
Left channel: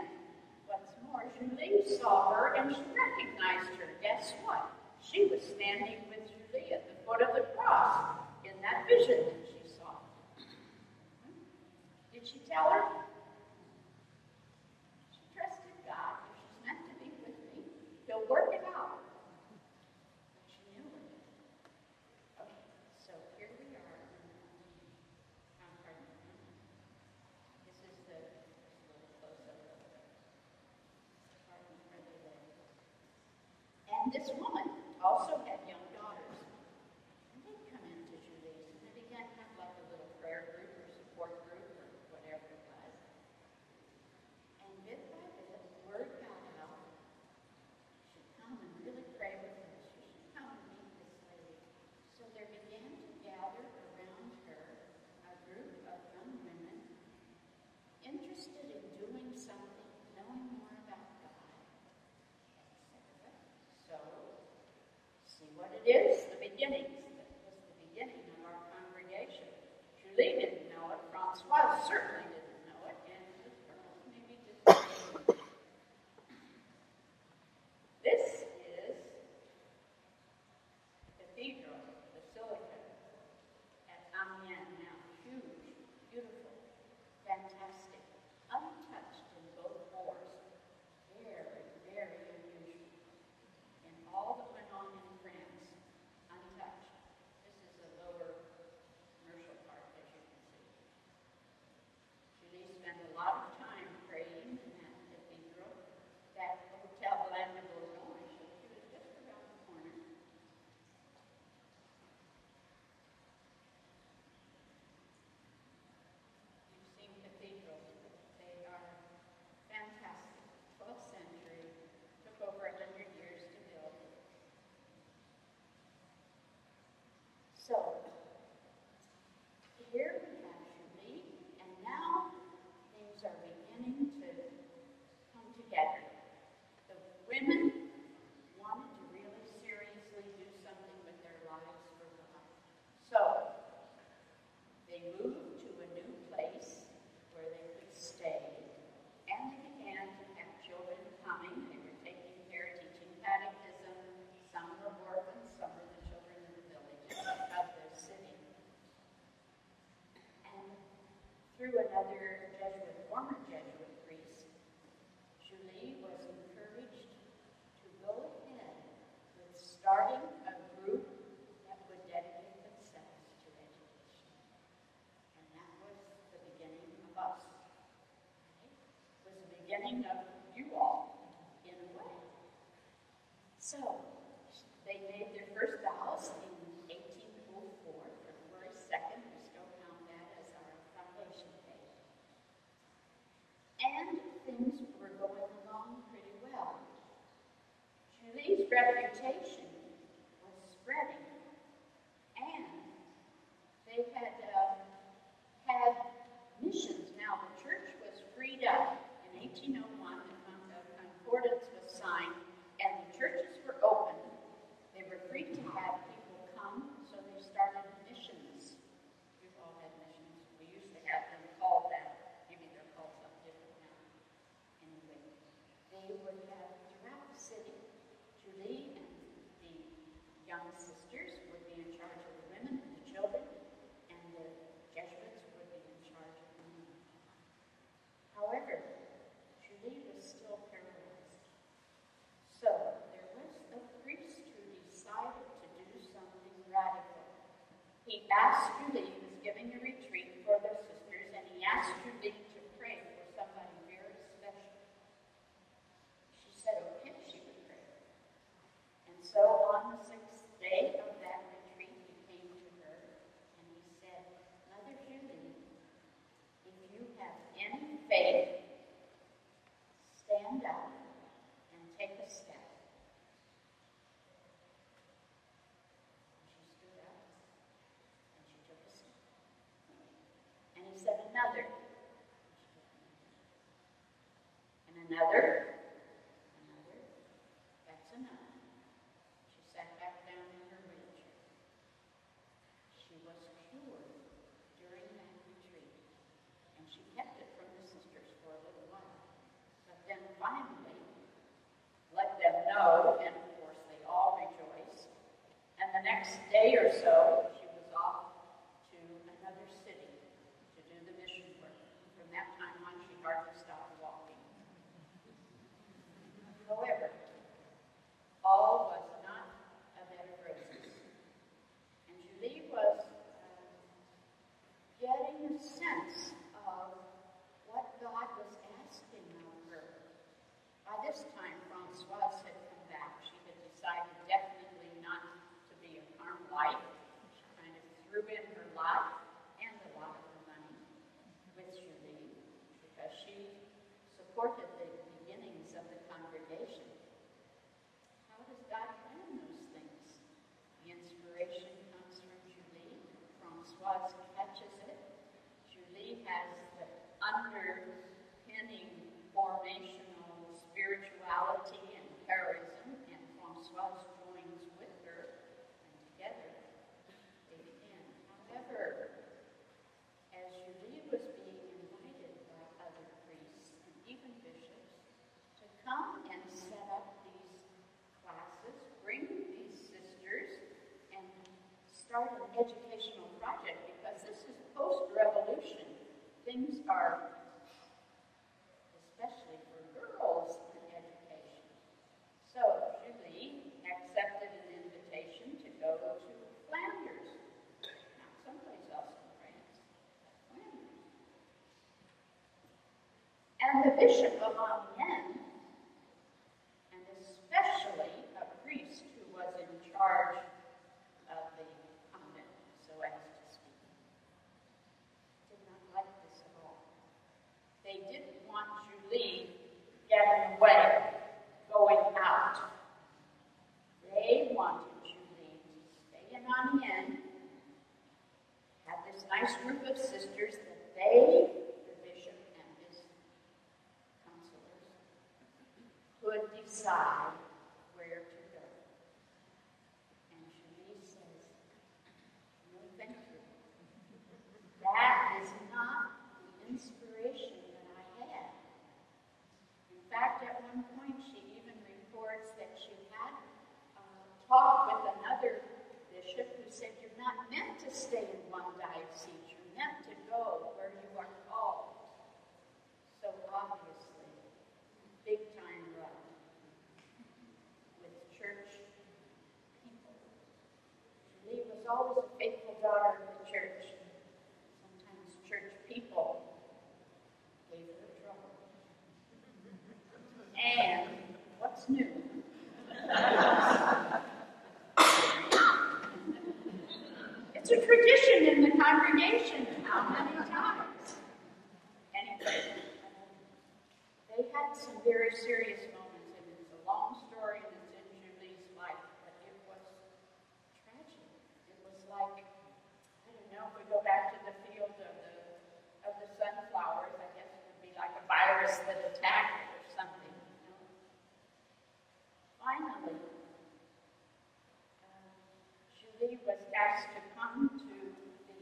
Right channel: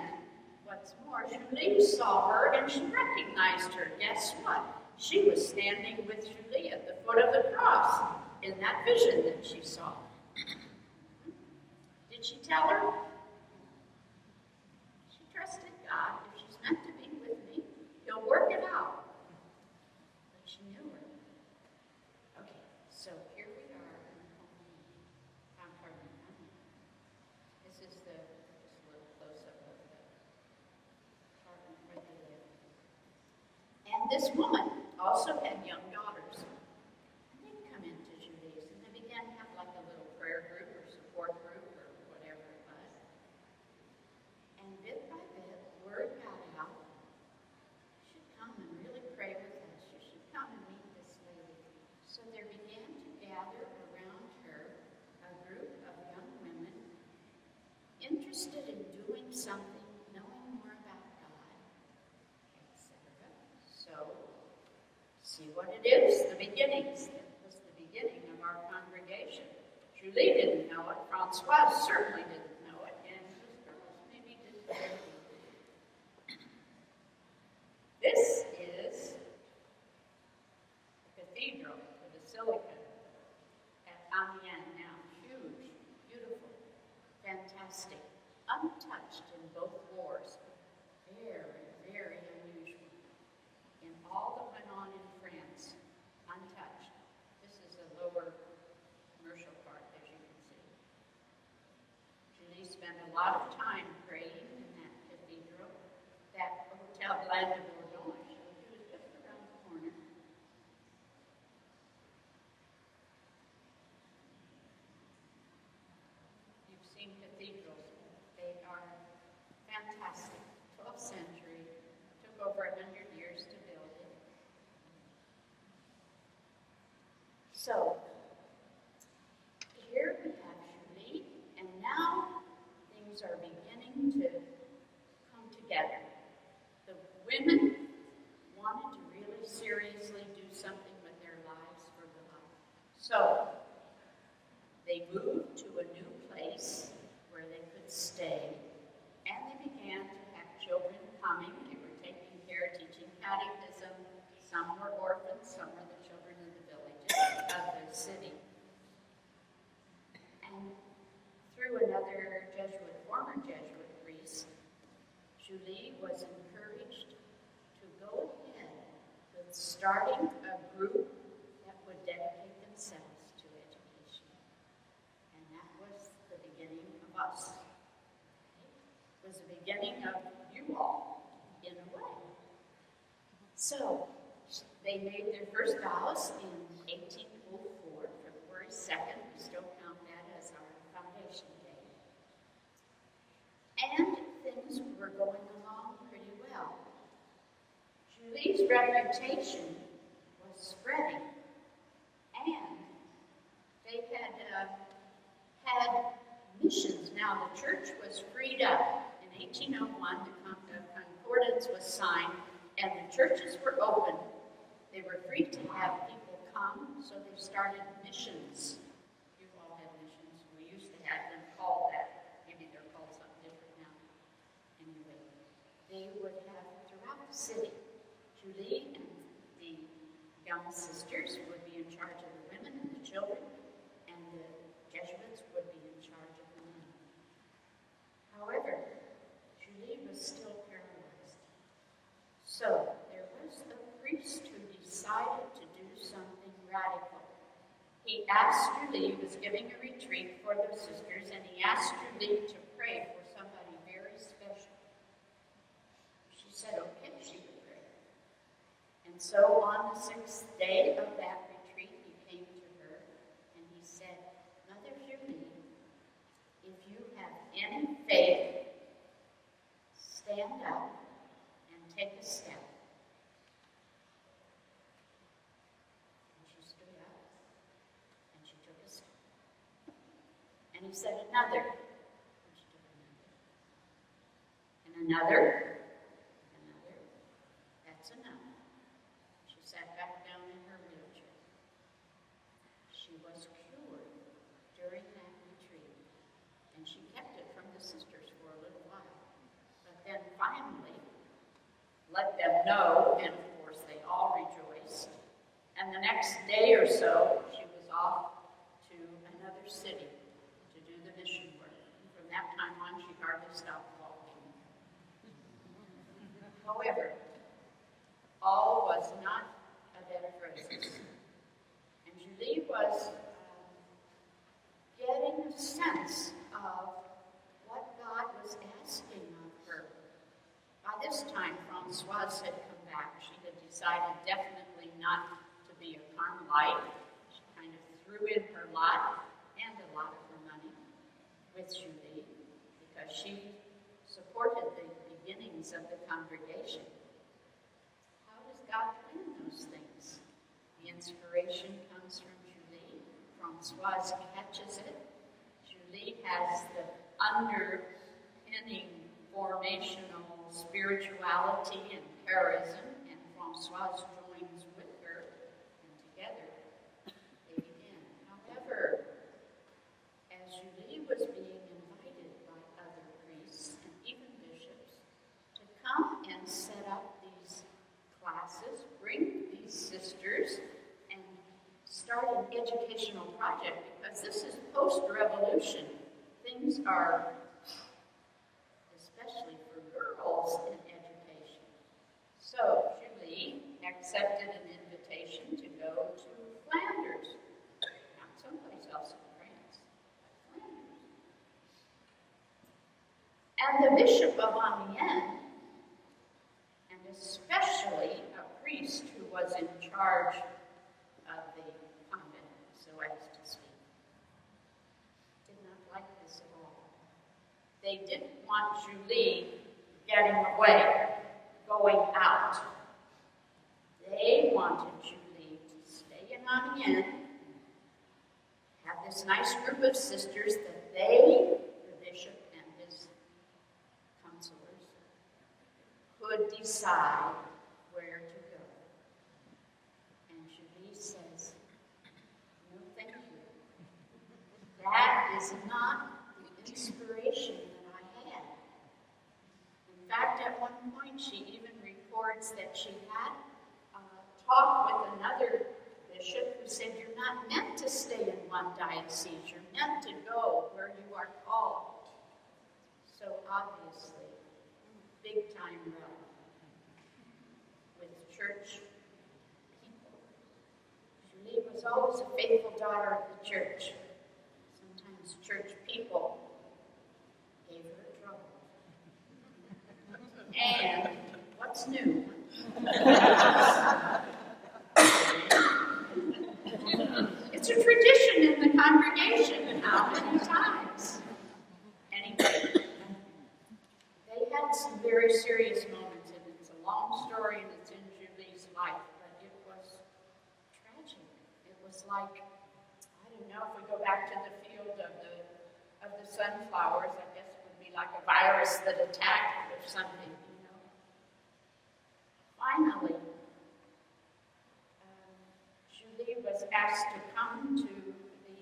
what's more, Julie saw her and she recognized her. Guess what? She was standing with Julie at the foot of the cross in that vision that she saw. Did she tell her? She trusted God. If she's meant to be with me, He'll work it out. But she knew her. Okay, so here we are. This is this little close-up of the apartment right there. And this woman also had young daughters. And they'd come into Julie's and they began to have like a little prayer group or support group or whatever it was. And bit by bit, word got out. You should come and really pray with us. You should come and meet this lady. So there began to gather around her a group of young women interested in doing something, knowing more about God, etc. So, see what it is, the beginnings. That was the beginning of our congregation. Julie didn't know it. Françoise certainly didn't know it. And those girls maybe didn't. This is the cathedral, the basilica at Amiens now. Huge, beautiful, fantastic, untouched in both wars. Very, very unusual. In all that went on in France, untouched. This is the lower commercial part, as you can see. They moved to a new place where they could stay, and they began to have children coming. They were taking care, teaching catechism. Some were orphans, some were the children of the village, of the city. And through another former Jesuit priest, Julie was encouraged to go ahead with starting a group that would dedicate themselves to education. And that was the beginning of us. It was the beginning of you all, in a way. So, they made their first vows in 1804, February 2nd. We still count that as our foundation day. And things were going along pretty well. Julie's reputation was spreading, and they had had missions. Now, the church was freed up. In 1801, the concordance was signed, and the churches were open. They were free to have people come, so they started missions. You all had missions. We used to have them called that. Maybe they're called something different now. Anyway, they would have throughout the city. Julie and the young sisters would be in charge of the women and the children, and the Jesuits would be in charge of the men. However, Julie was still paralyzed. So there was a priest who decided to do something radical. He asked Julie, he was giving a retreat for the sisters, and he asked Julie to pray for somebody very special. She said, okay, she would pray. And so on the 6th day of that retreat, he came to her, and he said, Mother Julie, if you have any faith, stand up and take a step. And he said another. And another. That's enough. She sat back down in her wheelchair. She was cured during that retreat. And she kept it from the sisters for a little while. But then finally let them know, and of course they all rejoiced. And the next day or so, she was off to another city. That time on, she hardly stopped walking. However, all was not a bed of roses. And Julie was getting a sense of what God was asking of her. By this time, Francoise had come back. She had decided definitely not to be a Carmelite. She kind of threw in her lot and a lot of her money with Julie, because she supported the beginnings of the congregation. How does God plan those things? The inspiration comes from Julie. Francoise catches it. Julie has the underpinning formational spirituality and charism, and Francoise joins with her, and together they begin. However, as Julie was being invited by other priests and even bishops to come and set up these classes, bring these sisters, and start an educational project, because this is post-revolution. Things are, especially for girls, in education. So Julie accepted an invitation to go to Flanders, not someplace else in France. And the Bishop of Amiens, and especially a priest who was in charge of the convent, so as to speak, did not like this at all. They didn't want Julie getting away, going out. They wanted Julie to stay in Amiens, have this nice group of sisters that they, the bishop and his counselors, could decide where to go. And Julie says, no, thank you. always a faithful daughter of the church. Sometimes church people gave her trouble. And what's new? It's a tradition in the congregation. How many times? Anyway, they had some very serious moments, and it's a long story that's in Julie's life, but it was tragic. It was like, I don't know, if we go back to the field of the sunflowers, I guess it would be like a virus that attacked or something, you know. Finally, Julie was asked to come to the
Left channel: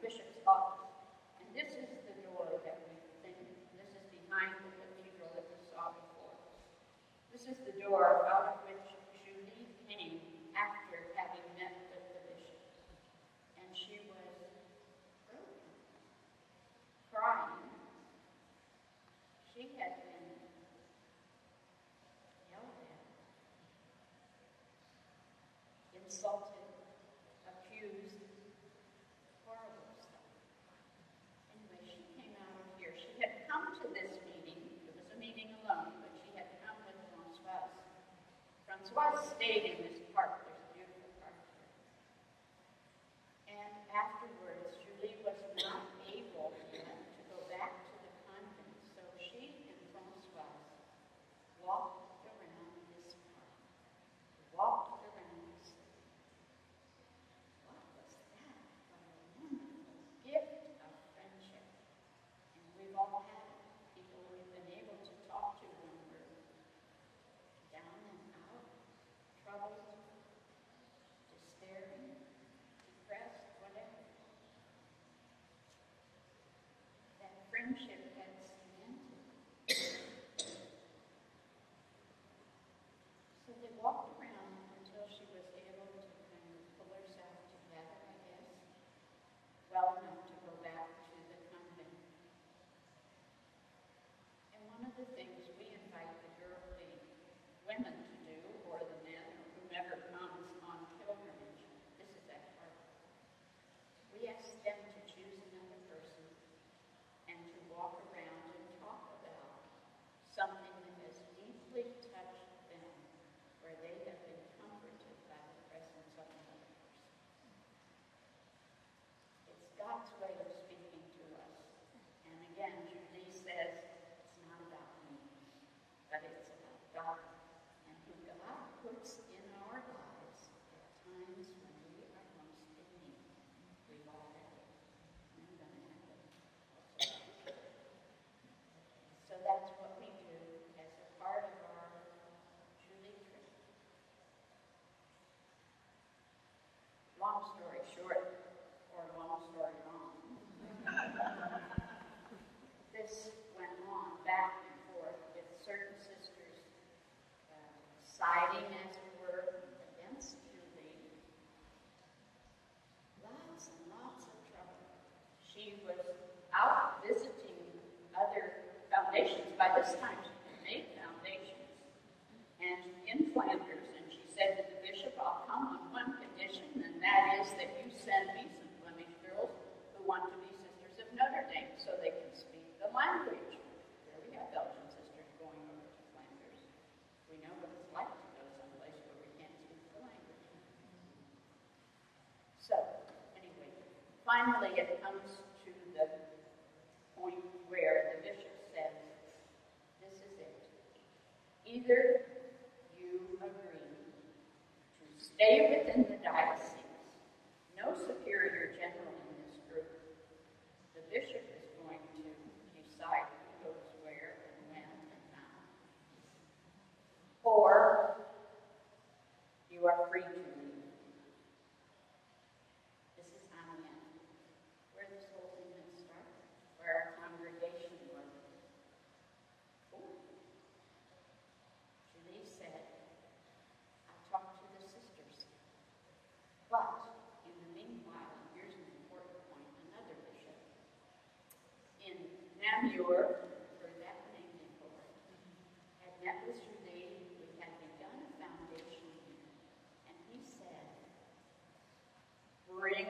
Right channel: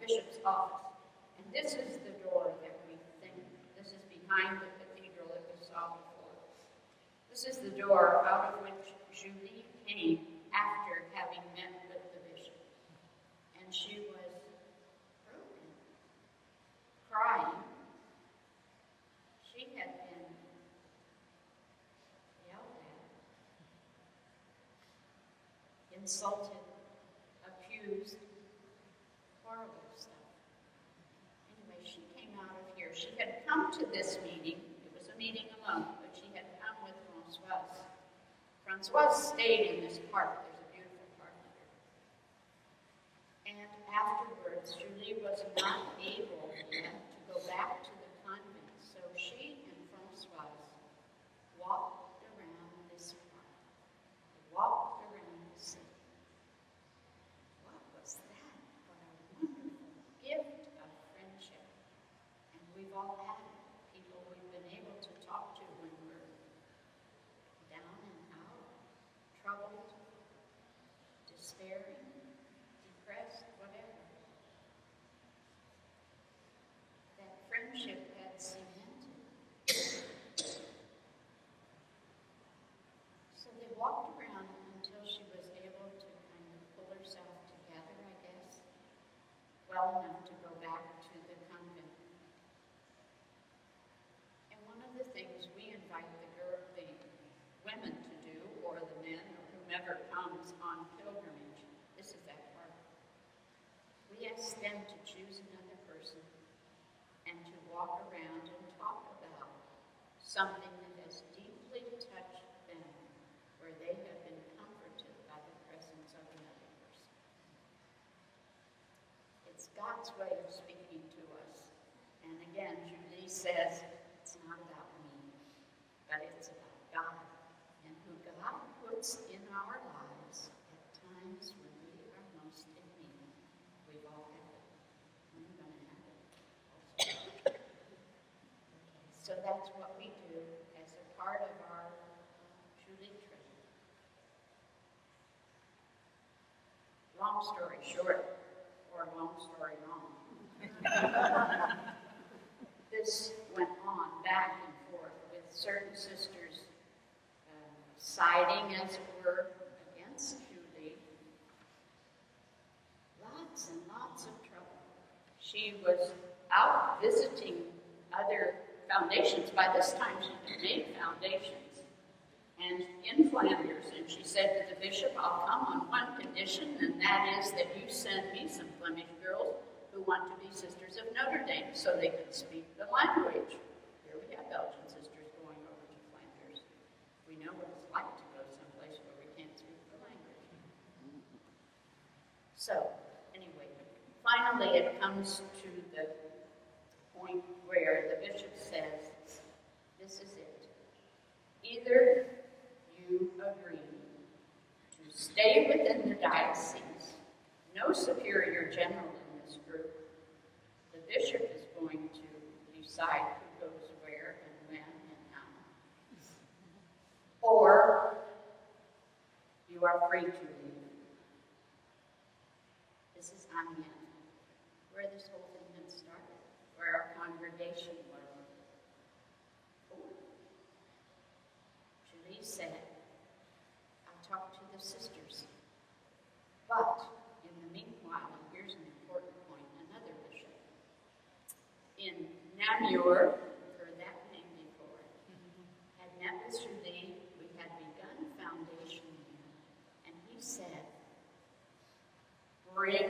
bishop's office, and this is the door that we think, this is behind the cathedral that we saw before. This is the door out of which Julie came after having met with the bishop. And she was broken, crying. She had been yelled at, insulted, accused, horrible stuff. Anyway, she came out of here. She had come to this meeting. It was a meeting alone, but she had come with Françoise. Françoise stayed in this park. There's a beautiful park here. And afterwards, Julie was not able yet to go back to the convent, so she and Françoise walked around this park, walked around the city. What was that? What a wonderful gift of friendship. And we've all had it. People we've been able to talk to when we're down and out, troubled, despairing, depressed, whatever. That friendship had cemented. So they walked around until she was able to kind of pull herself together, I guess, well enough to go back to the convent. And one of the things we invite the women to do, or the men, or whomever comes on pilgrimage, this is that part. We ask them to choose another person and to walk around and talk about something that has deeply touched them, where they have been comforted by the presence of another person. It's God's way of speaking to us. And again, Julie says, it's not about me, but it's about God, and who God puts in our lives at times when we are most in need. We've all had it. I'm going to have it. So that's what we do as a part of our Julie trip. Long story short, or long story long. This went on back and forth with certain sisters siding, as it were, against Julie. Lots and lots of trouble. She was out visiting other foundations. By this time, she had made foundations. And in Flanders, and she said to the bishop, I'll come on one condition, and that is that you send me some Flemish girls who want to be sisters of Notre Dame so they can speak the language. Here we have Belgian sisters going over to Flanders. We know what it's like to go someplace where we can't speak the language. So, anyway, finally it comes to the point where the bishop says, this is it. Either you agree to stay within the diocese, no superior general in this group. The bishop is going to decide who goes where and when and how. Or you are free to leave. This is Amiens, where this whole thing had started, where our congregation were. Julie said, I talked to the sisters, but in the meanwhile, here's an important point, another bishop. In Namur, you've heard that name before, had met with Julie. We had begun a foundation here, and he said, bring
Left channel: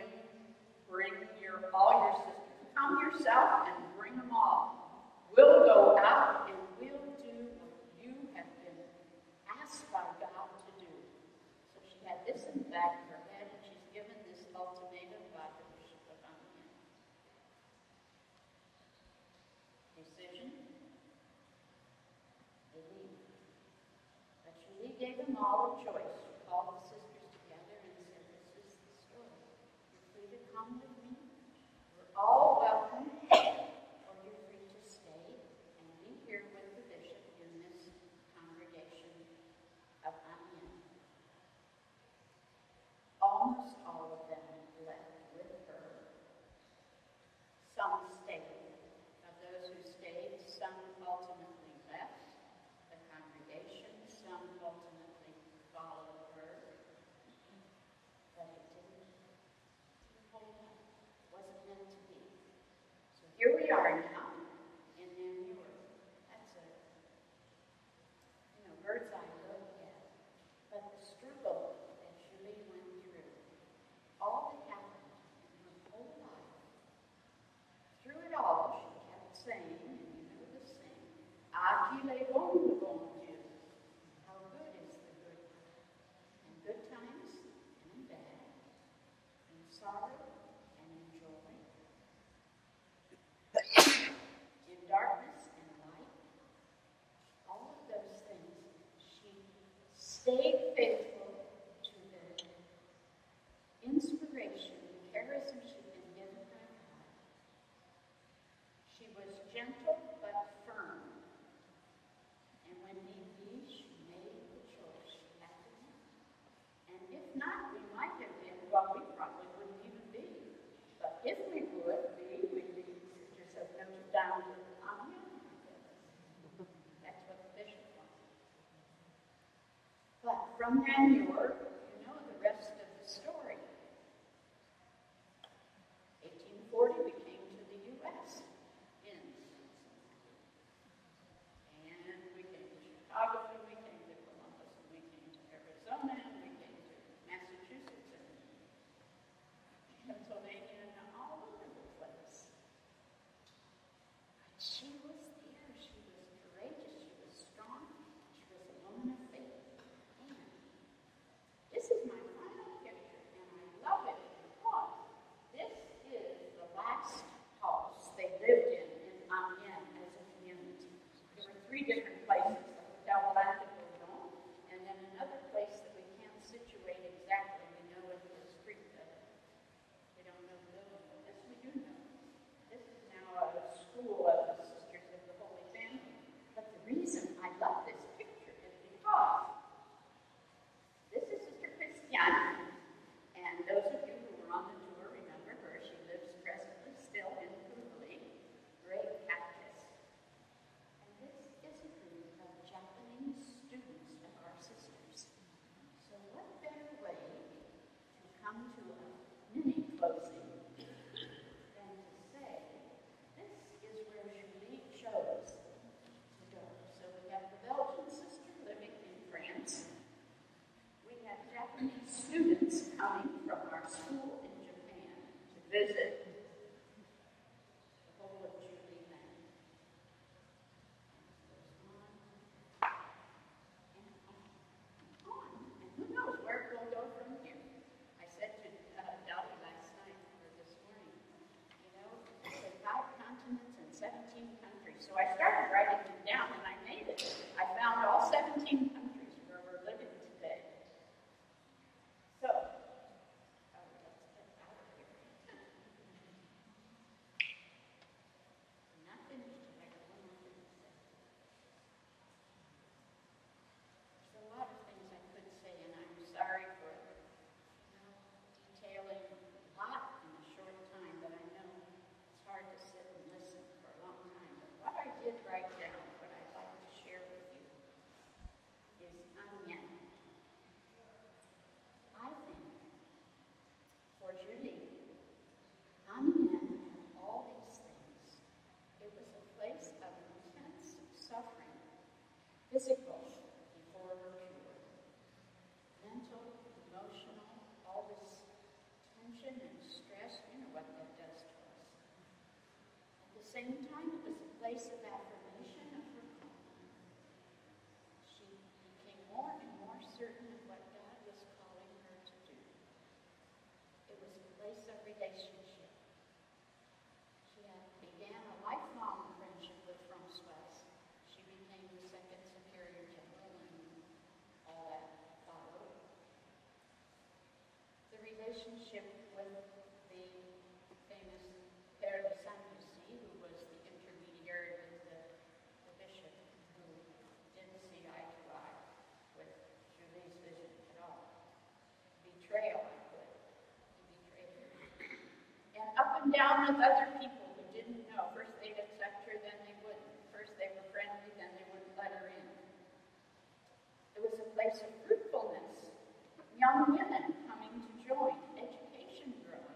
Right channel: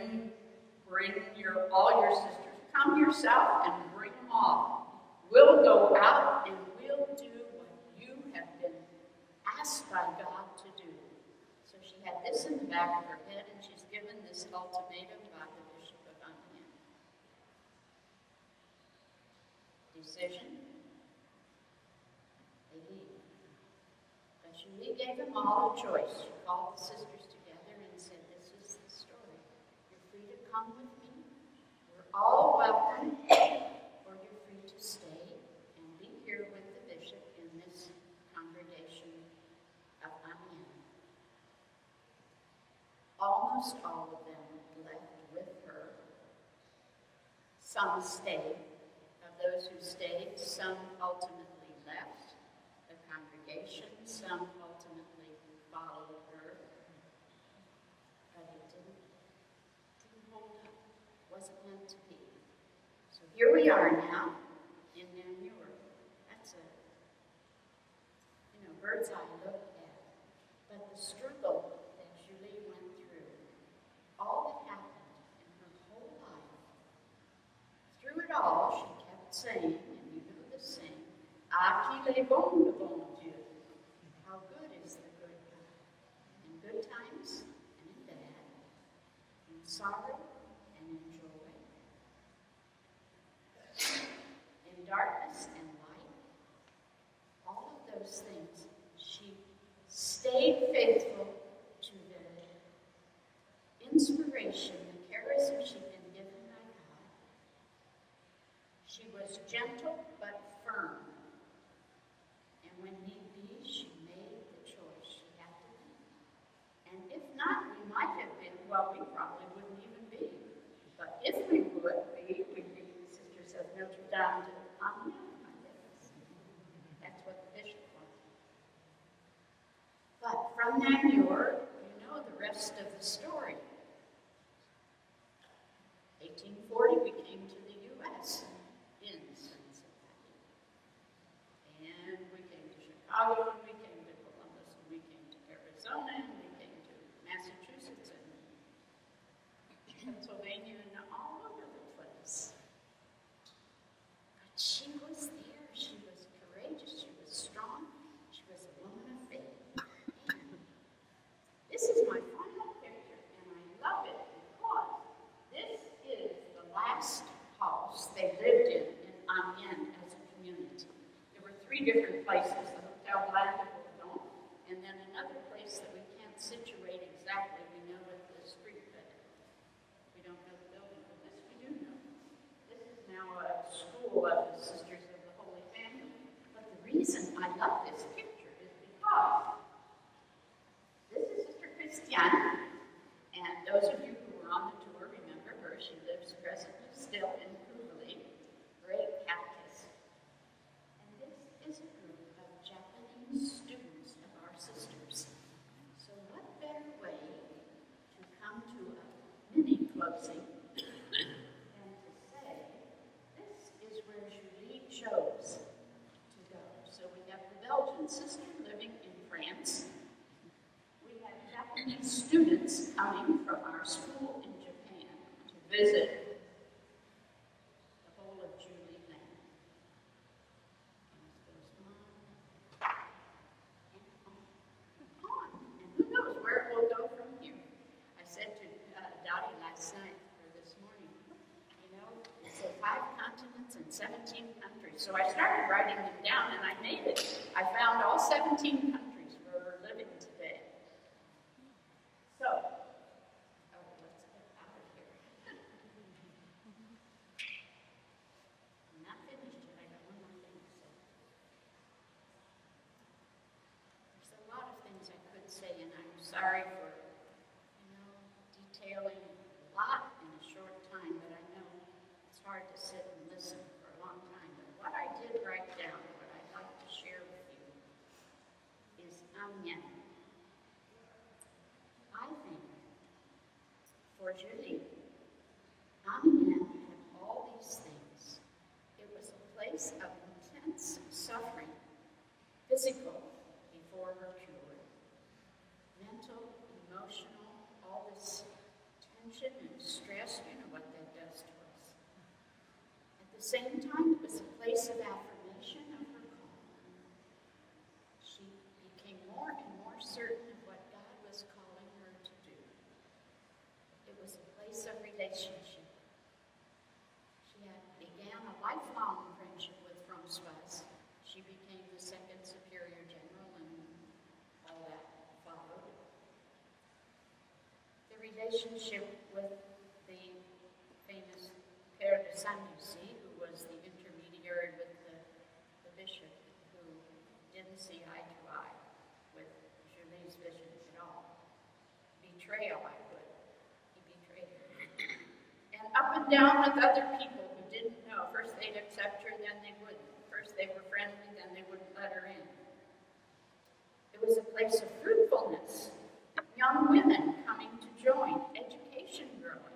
all your sisters. Come yourself and bring them all. We'll go out and we'll do what you have been asked by God to do. So she had this in the back of her head, and she's given this ultimatum by the bishop of Amiens. Decision. They leave. But Julie gave them all a choice. She called the sisters together and said, this is the story. You're free to come with me. We're all welcome. Or you're free to stay and be here with the bishop in this congregation of Amiens. Almost all of them left with her. Some stayed. Of those who stayed, some ultimately left the congregation, some ultimately followed her. But it didn't hold up. It wasn't meant to be. So here we are now in Namur. That's a, bird's eye look at. But the struggle that Julie went through, all that happened in her whole life, through it all, she kept saying, and you know the saying, "Ah, qu'il est bon, le bon Dieu." How good is the good God? In good times and in bad, in sorrow and in joy, in darkness and light, all of those things, she stayed faithful to the inspiration, the charism she'd been given by God. She was gentle but firm. And when need be, she made the choice she had to make. And if not, we might have been, well, we probably wouldn't even be. But if we would be, we'd be sisters of Notre to Amiens, I guess. That's what the bishop wanted. But from Namur, you know the rest of the story. 1840, we came to the U.S. in Cincinnati. And we came to Chicago, and we came to Columbus, and we came to Arizona, and we came to Massachusetts, and Pennsylvania, and all over the place. But she was there. She was courageous. She was strong. She was a woman of faith. And this is my final picture, and I love it because this is the last house they lived in Amiens as a community. There were 3 different places, the Hotel Black and Bourbon, and then another place that we can't situate exactly. We know it the street better. We don't know the building, but this we do know. This is now a school of the Sisters of the Holy Family. But the reason I love this picture is because this is Sister Christiane, and those of you who were on the tour remember her. She lives presently still in Italy, great Catholic. And this is a group of Japanese students of our sisters. So what better way to come to a mini closing than to say, this is where Julie chose to go. So we have the Belgian sister living in France. We have Japanese students coming from our school in Japan to visit the whole of Julie Land. And on. And who knows where we'll go from here. I said to Dottie last night, or this morning, it said 5 continents and 17 countries. So I started writing them down, and I made it. I found all 17 countries where we're living today. So, let's get out of here. I'm not finished yet. I got one more thing to say. There's a lot of things I could say, and I'm sorry for, detailing a lot in a short time, but I know it's hard to sit and listen for a long time. But what I did write down, what I'd like to share with you, the same time, it was a place of affirmation of her calling. She became more and more certain of what God was calling her to do. It was a place of relationship. She began a lifelong friendship with Francoise. She became the second superior general, and all that followed. The relationship with the famous Père de Saint-Lucie, who was the intermediary with the bishop, who didn't see eye to eye with Julie's vision at all. Betrayal, I put. He betrayed her. And up and down with other people who didn't know. First they'd accept her, then they wouldn't. First they were friendly, then they wouldn't let her in. It was a place of fruitfulness. Young women coming to join, education growing.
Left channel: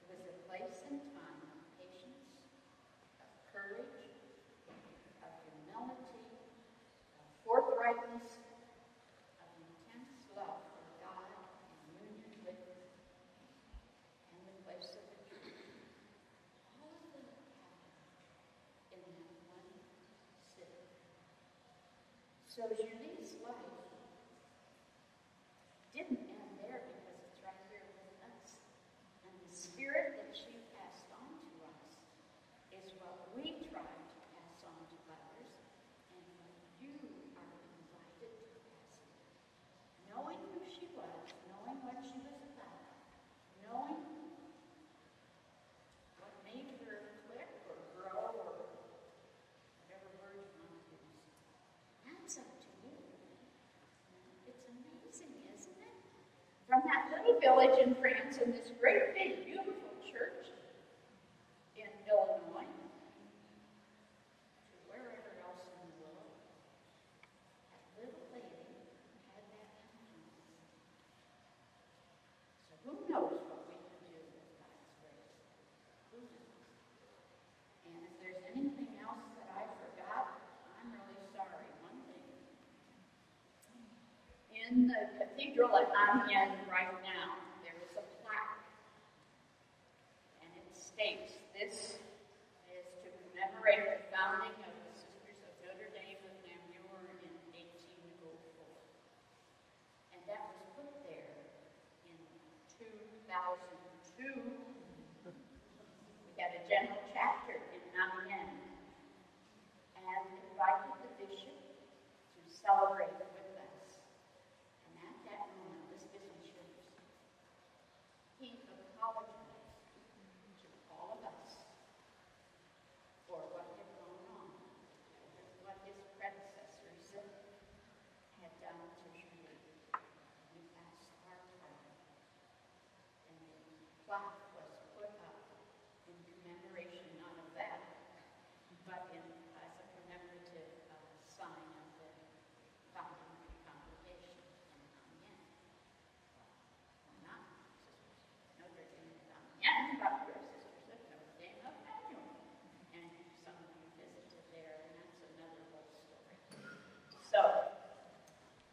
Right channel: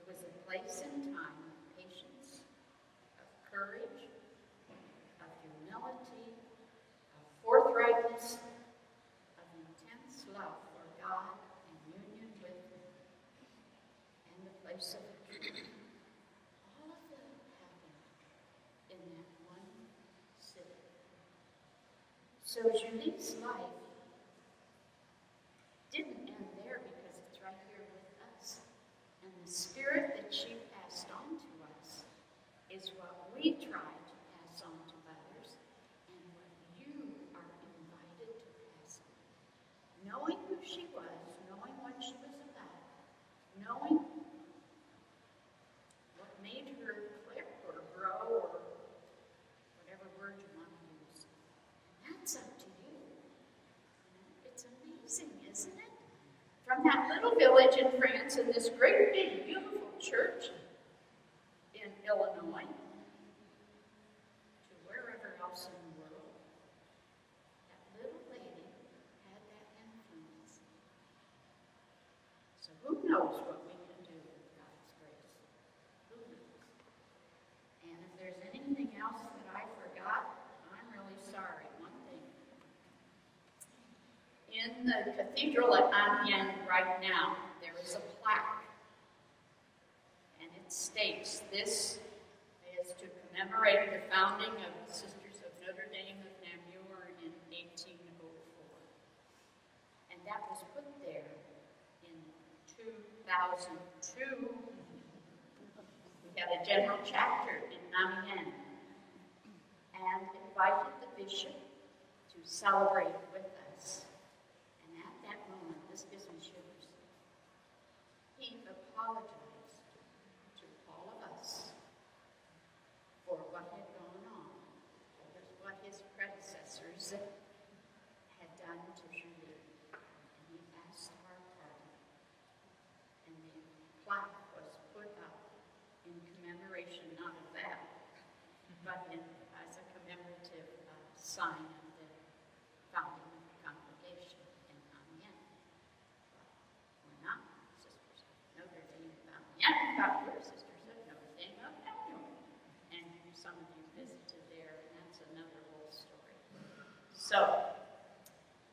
It was a place and time of patience, of courage, of humility, of forthrightness, of intense love for God and union with Him, and the place of truth. All of that happened in that one city. So Julie's life didn't end there because it's right here with us. And the spirit that she passed on to us is what we try to pass on to others, and what you are invited to pass on. Knowing who she was, knowing what she was about, knowing what made her click or grow or whatever word you want to use, that's up to you. It's amazing, isn't it? From that little village in France and this great big beautiful church in Illinois to wherever else in the world, that little lady had that influence. So who knows what we can do with God's grace? Who knows? And if there's anything else that I forgot, I'm really sorry. One thing. In the cathedral at Amiens right now, there is a plaque, and it states, "This is to commemorate the founding of the Sisters of Notre Dame of Namur in 1804." And that was put there in 2002. We had a general chapter in Amiens, and invited the bishop to celebrate with us. And at that moment, this business yours, he apologized to all of us for what had gone on, for what his predecessors had done to Julie. And he asked our pardon. And the plaque was put up in commemoration not of that, but as a commemorative sign of the founding of the congregation in Amiens. We're not sisters of Notre Dame of Amiens, but we're sisters of Notre Dame of Namur. And some of you visited there, and that's another whole story. So,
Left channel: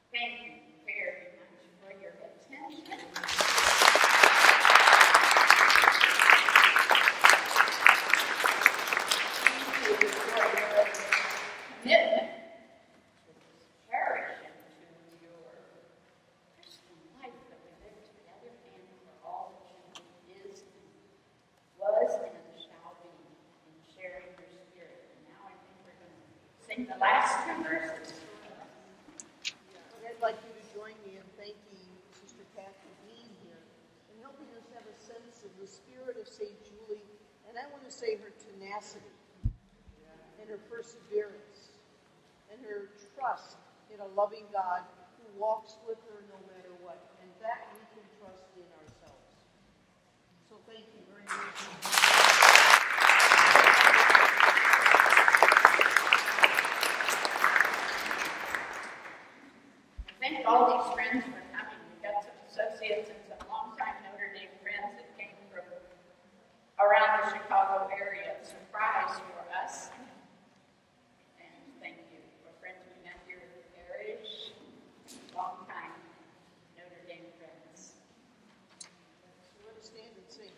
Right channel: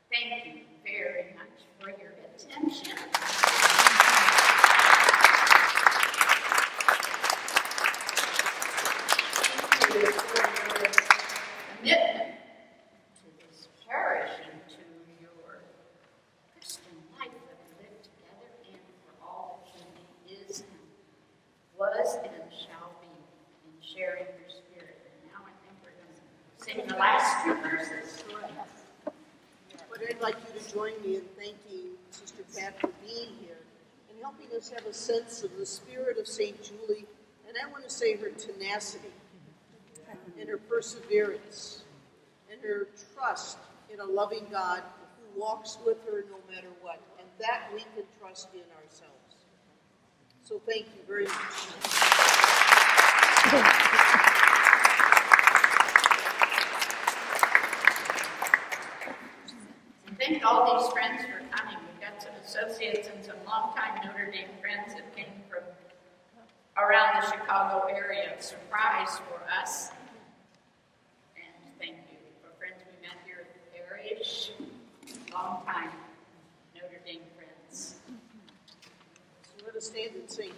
thank you very much for your attention. Thank you for your commitment to this parish and to your Christian life that we live together in, for all that she is, was, and shall be in sharing her spirit. And now I think we're going to sing the last two verses. But I'd like you to join me in thanking Sister Pat for being here and helping us have a sense of the spirit of St. Julie, and I want to say her tenacity and her perseverance and her trust in a loving God who walks with her no matter what, and that we can trust in ourselves. So thank you very much. Thank all these friends for coming. We've got some associates and some longtime Notre Dame friends that came from around the Chicago area. Surprise for us. And thank you for friends we met here at the parish. Longtime Notre Dame friends. So let us stand and sing.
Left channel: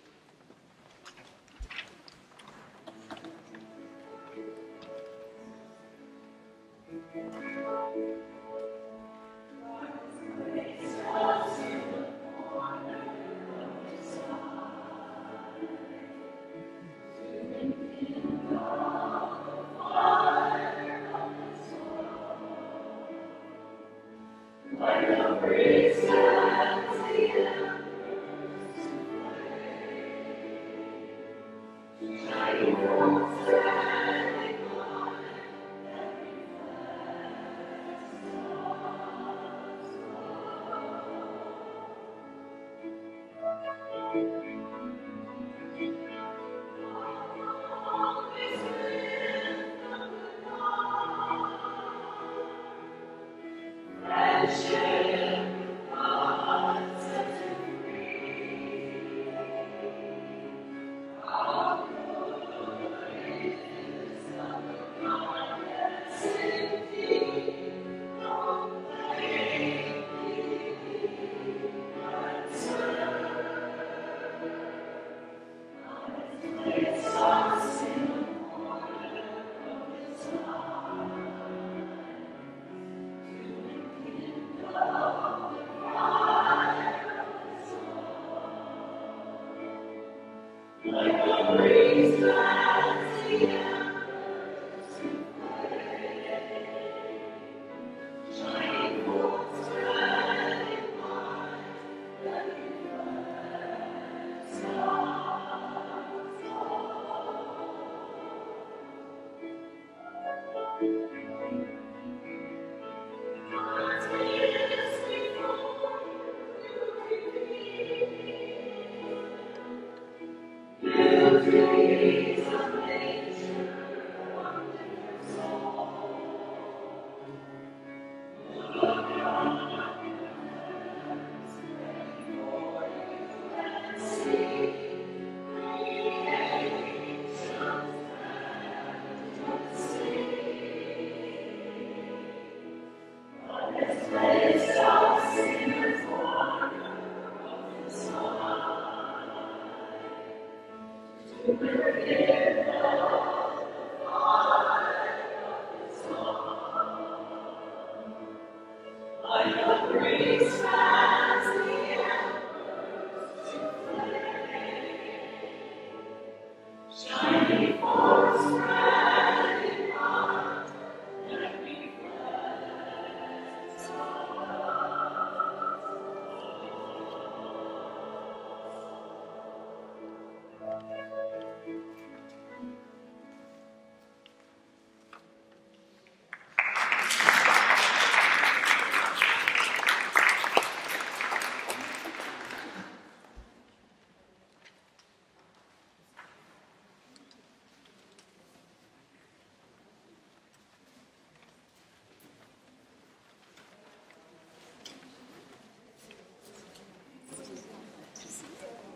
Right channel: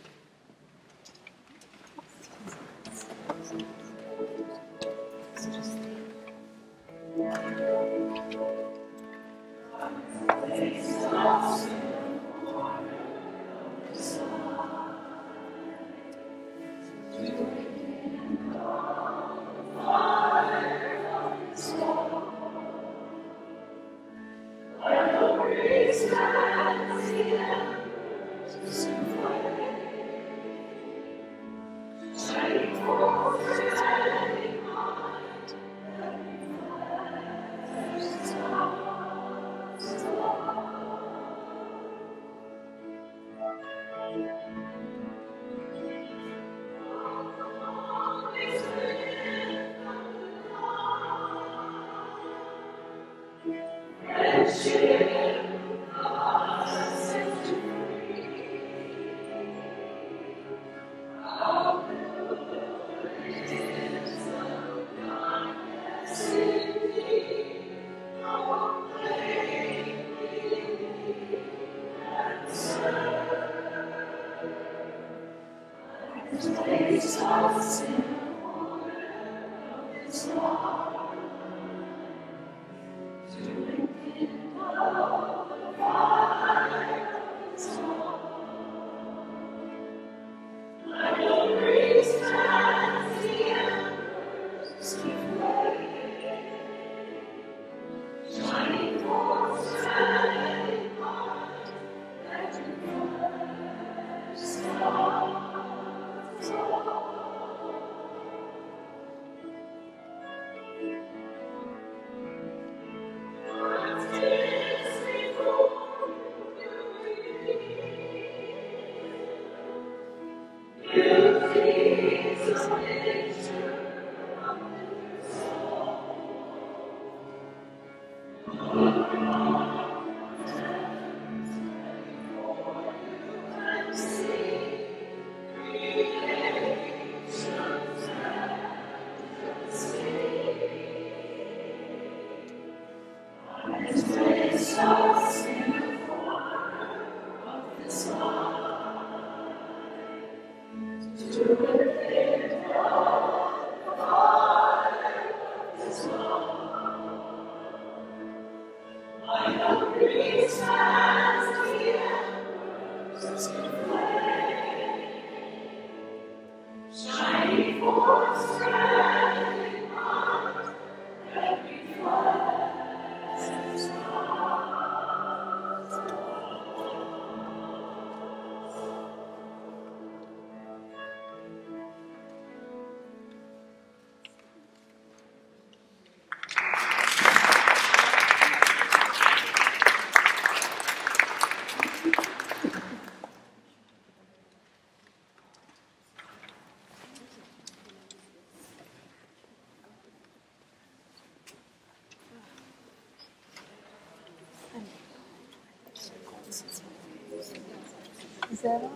Is that all?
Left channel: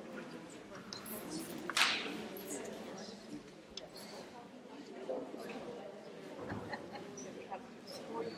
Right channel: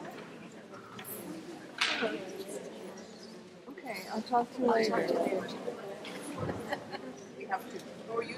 Okay, I'll talk to you later. We have to, or you do.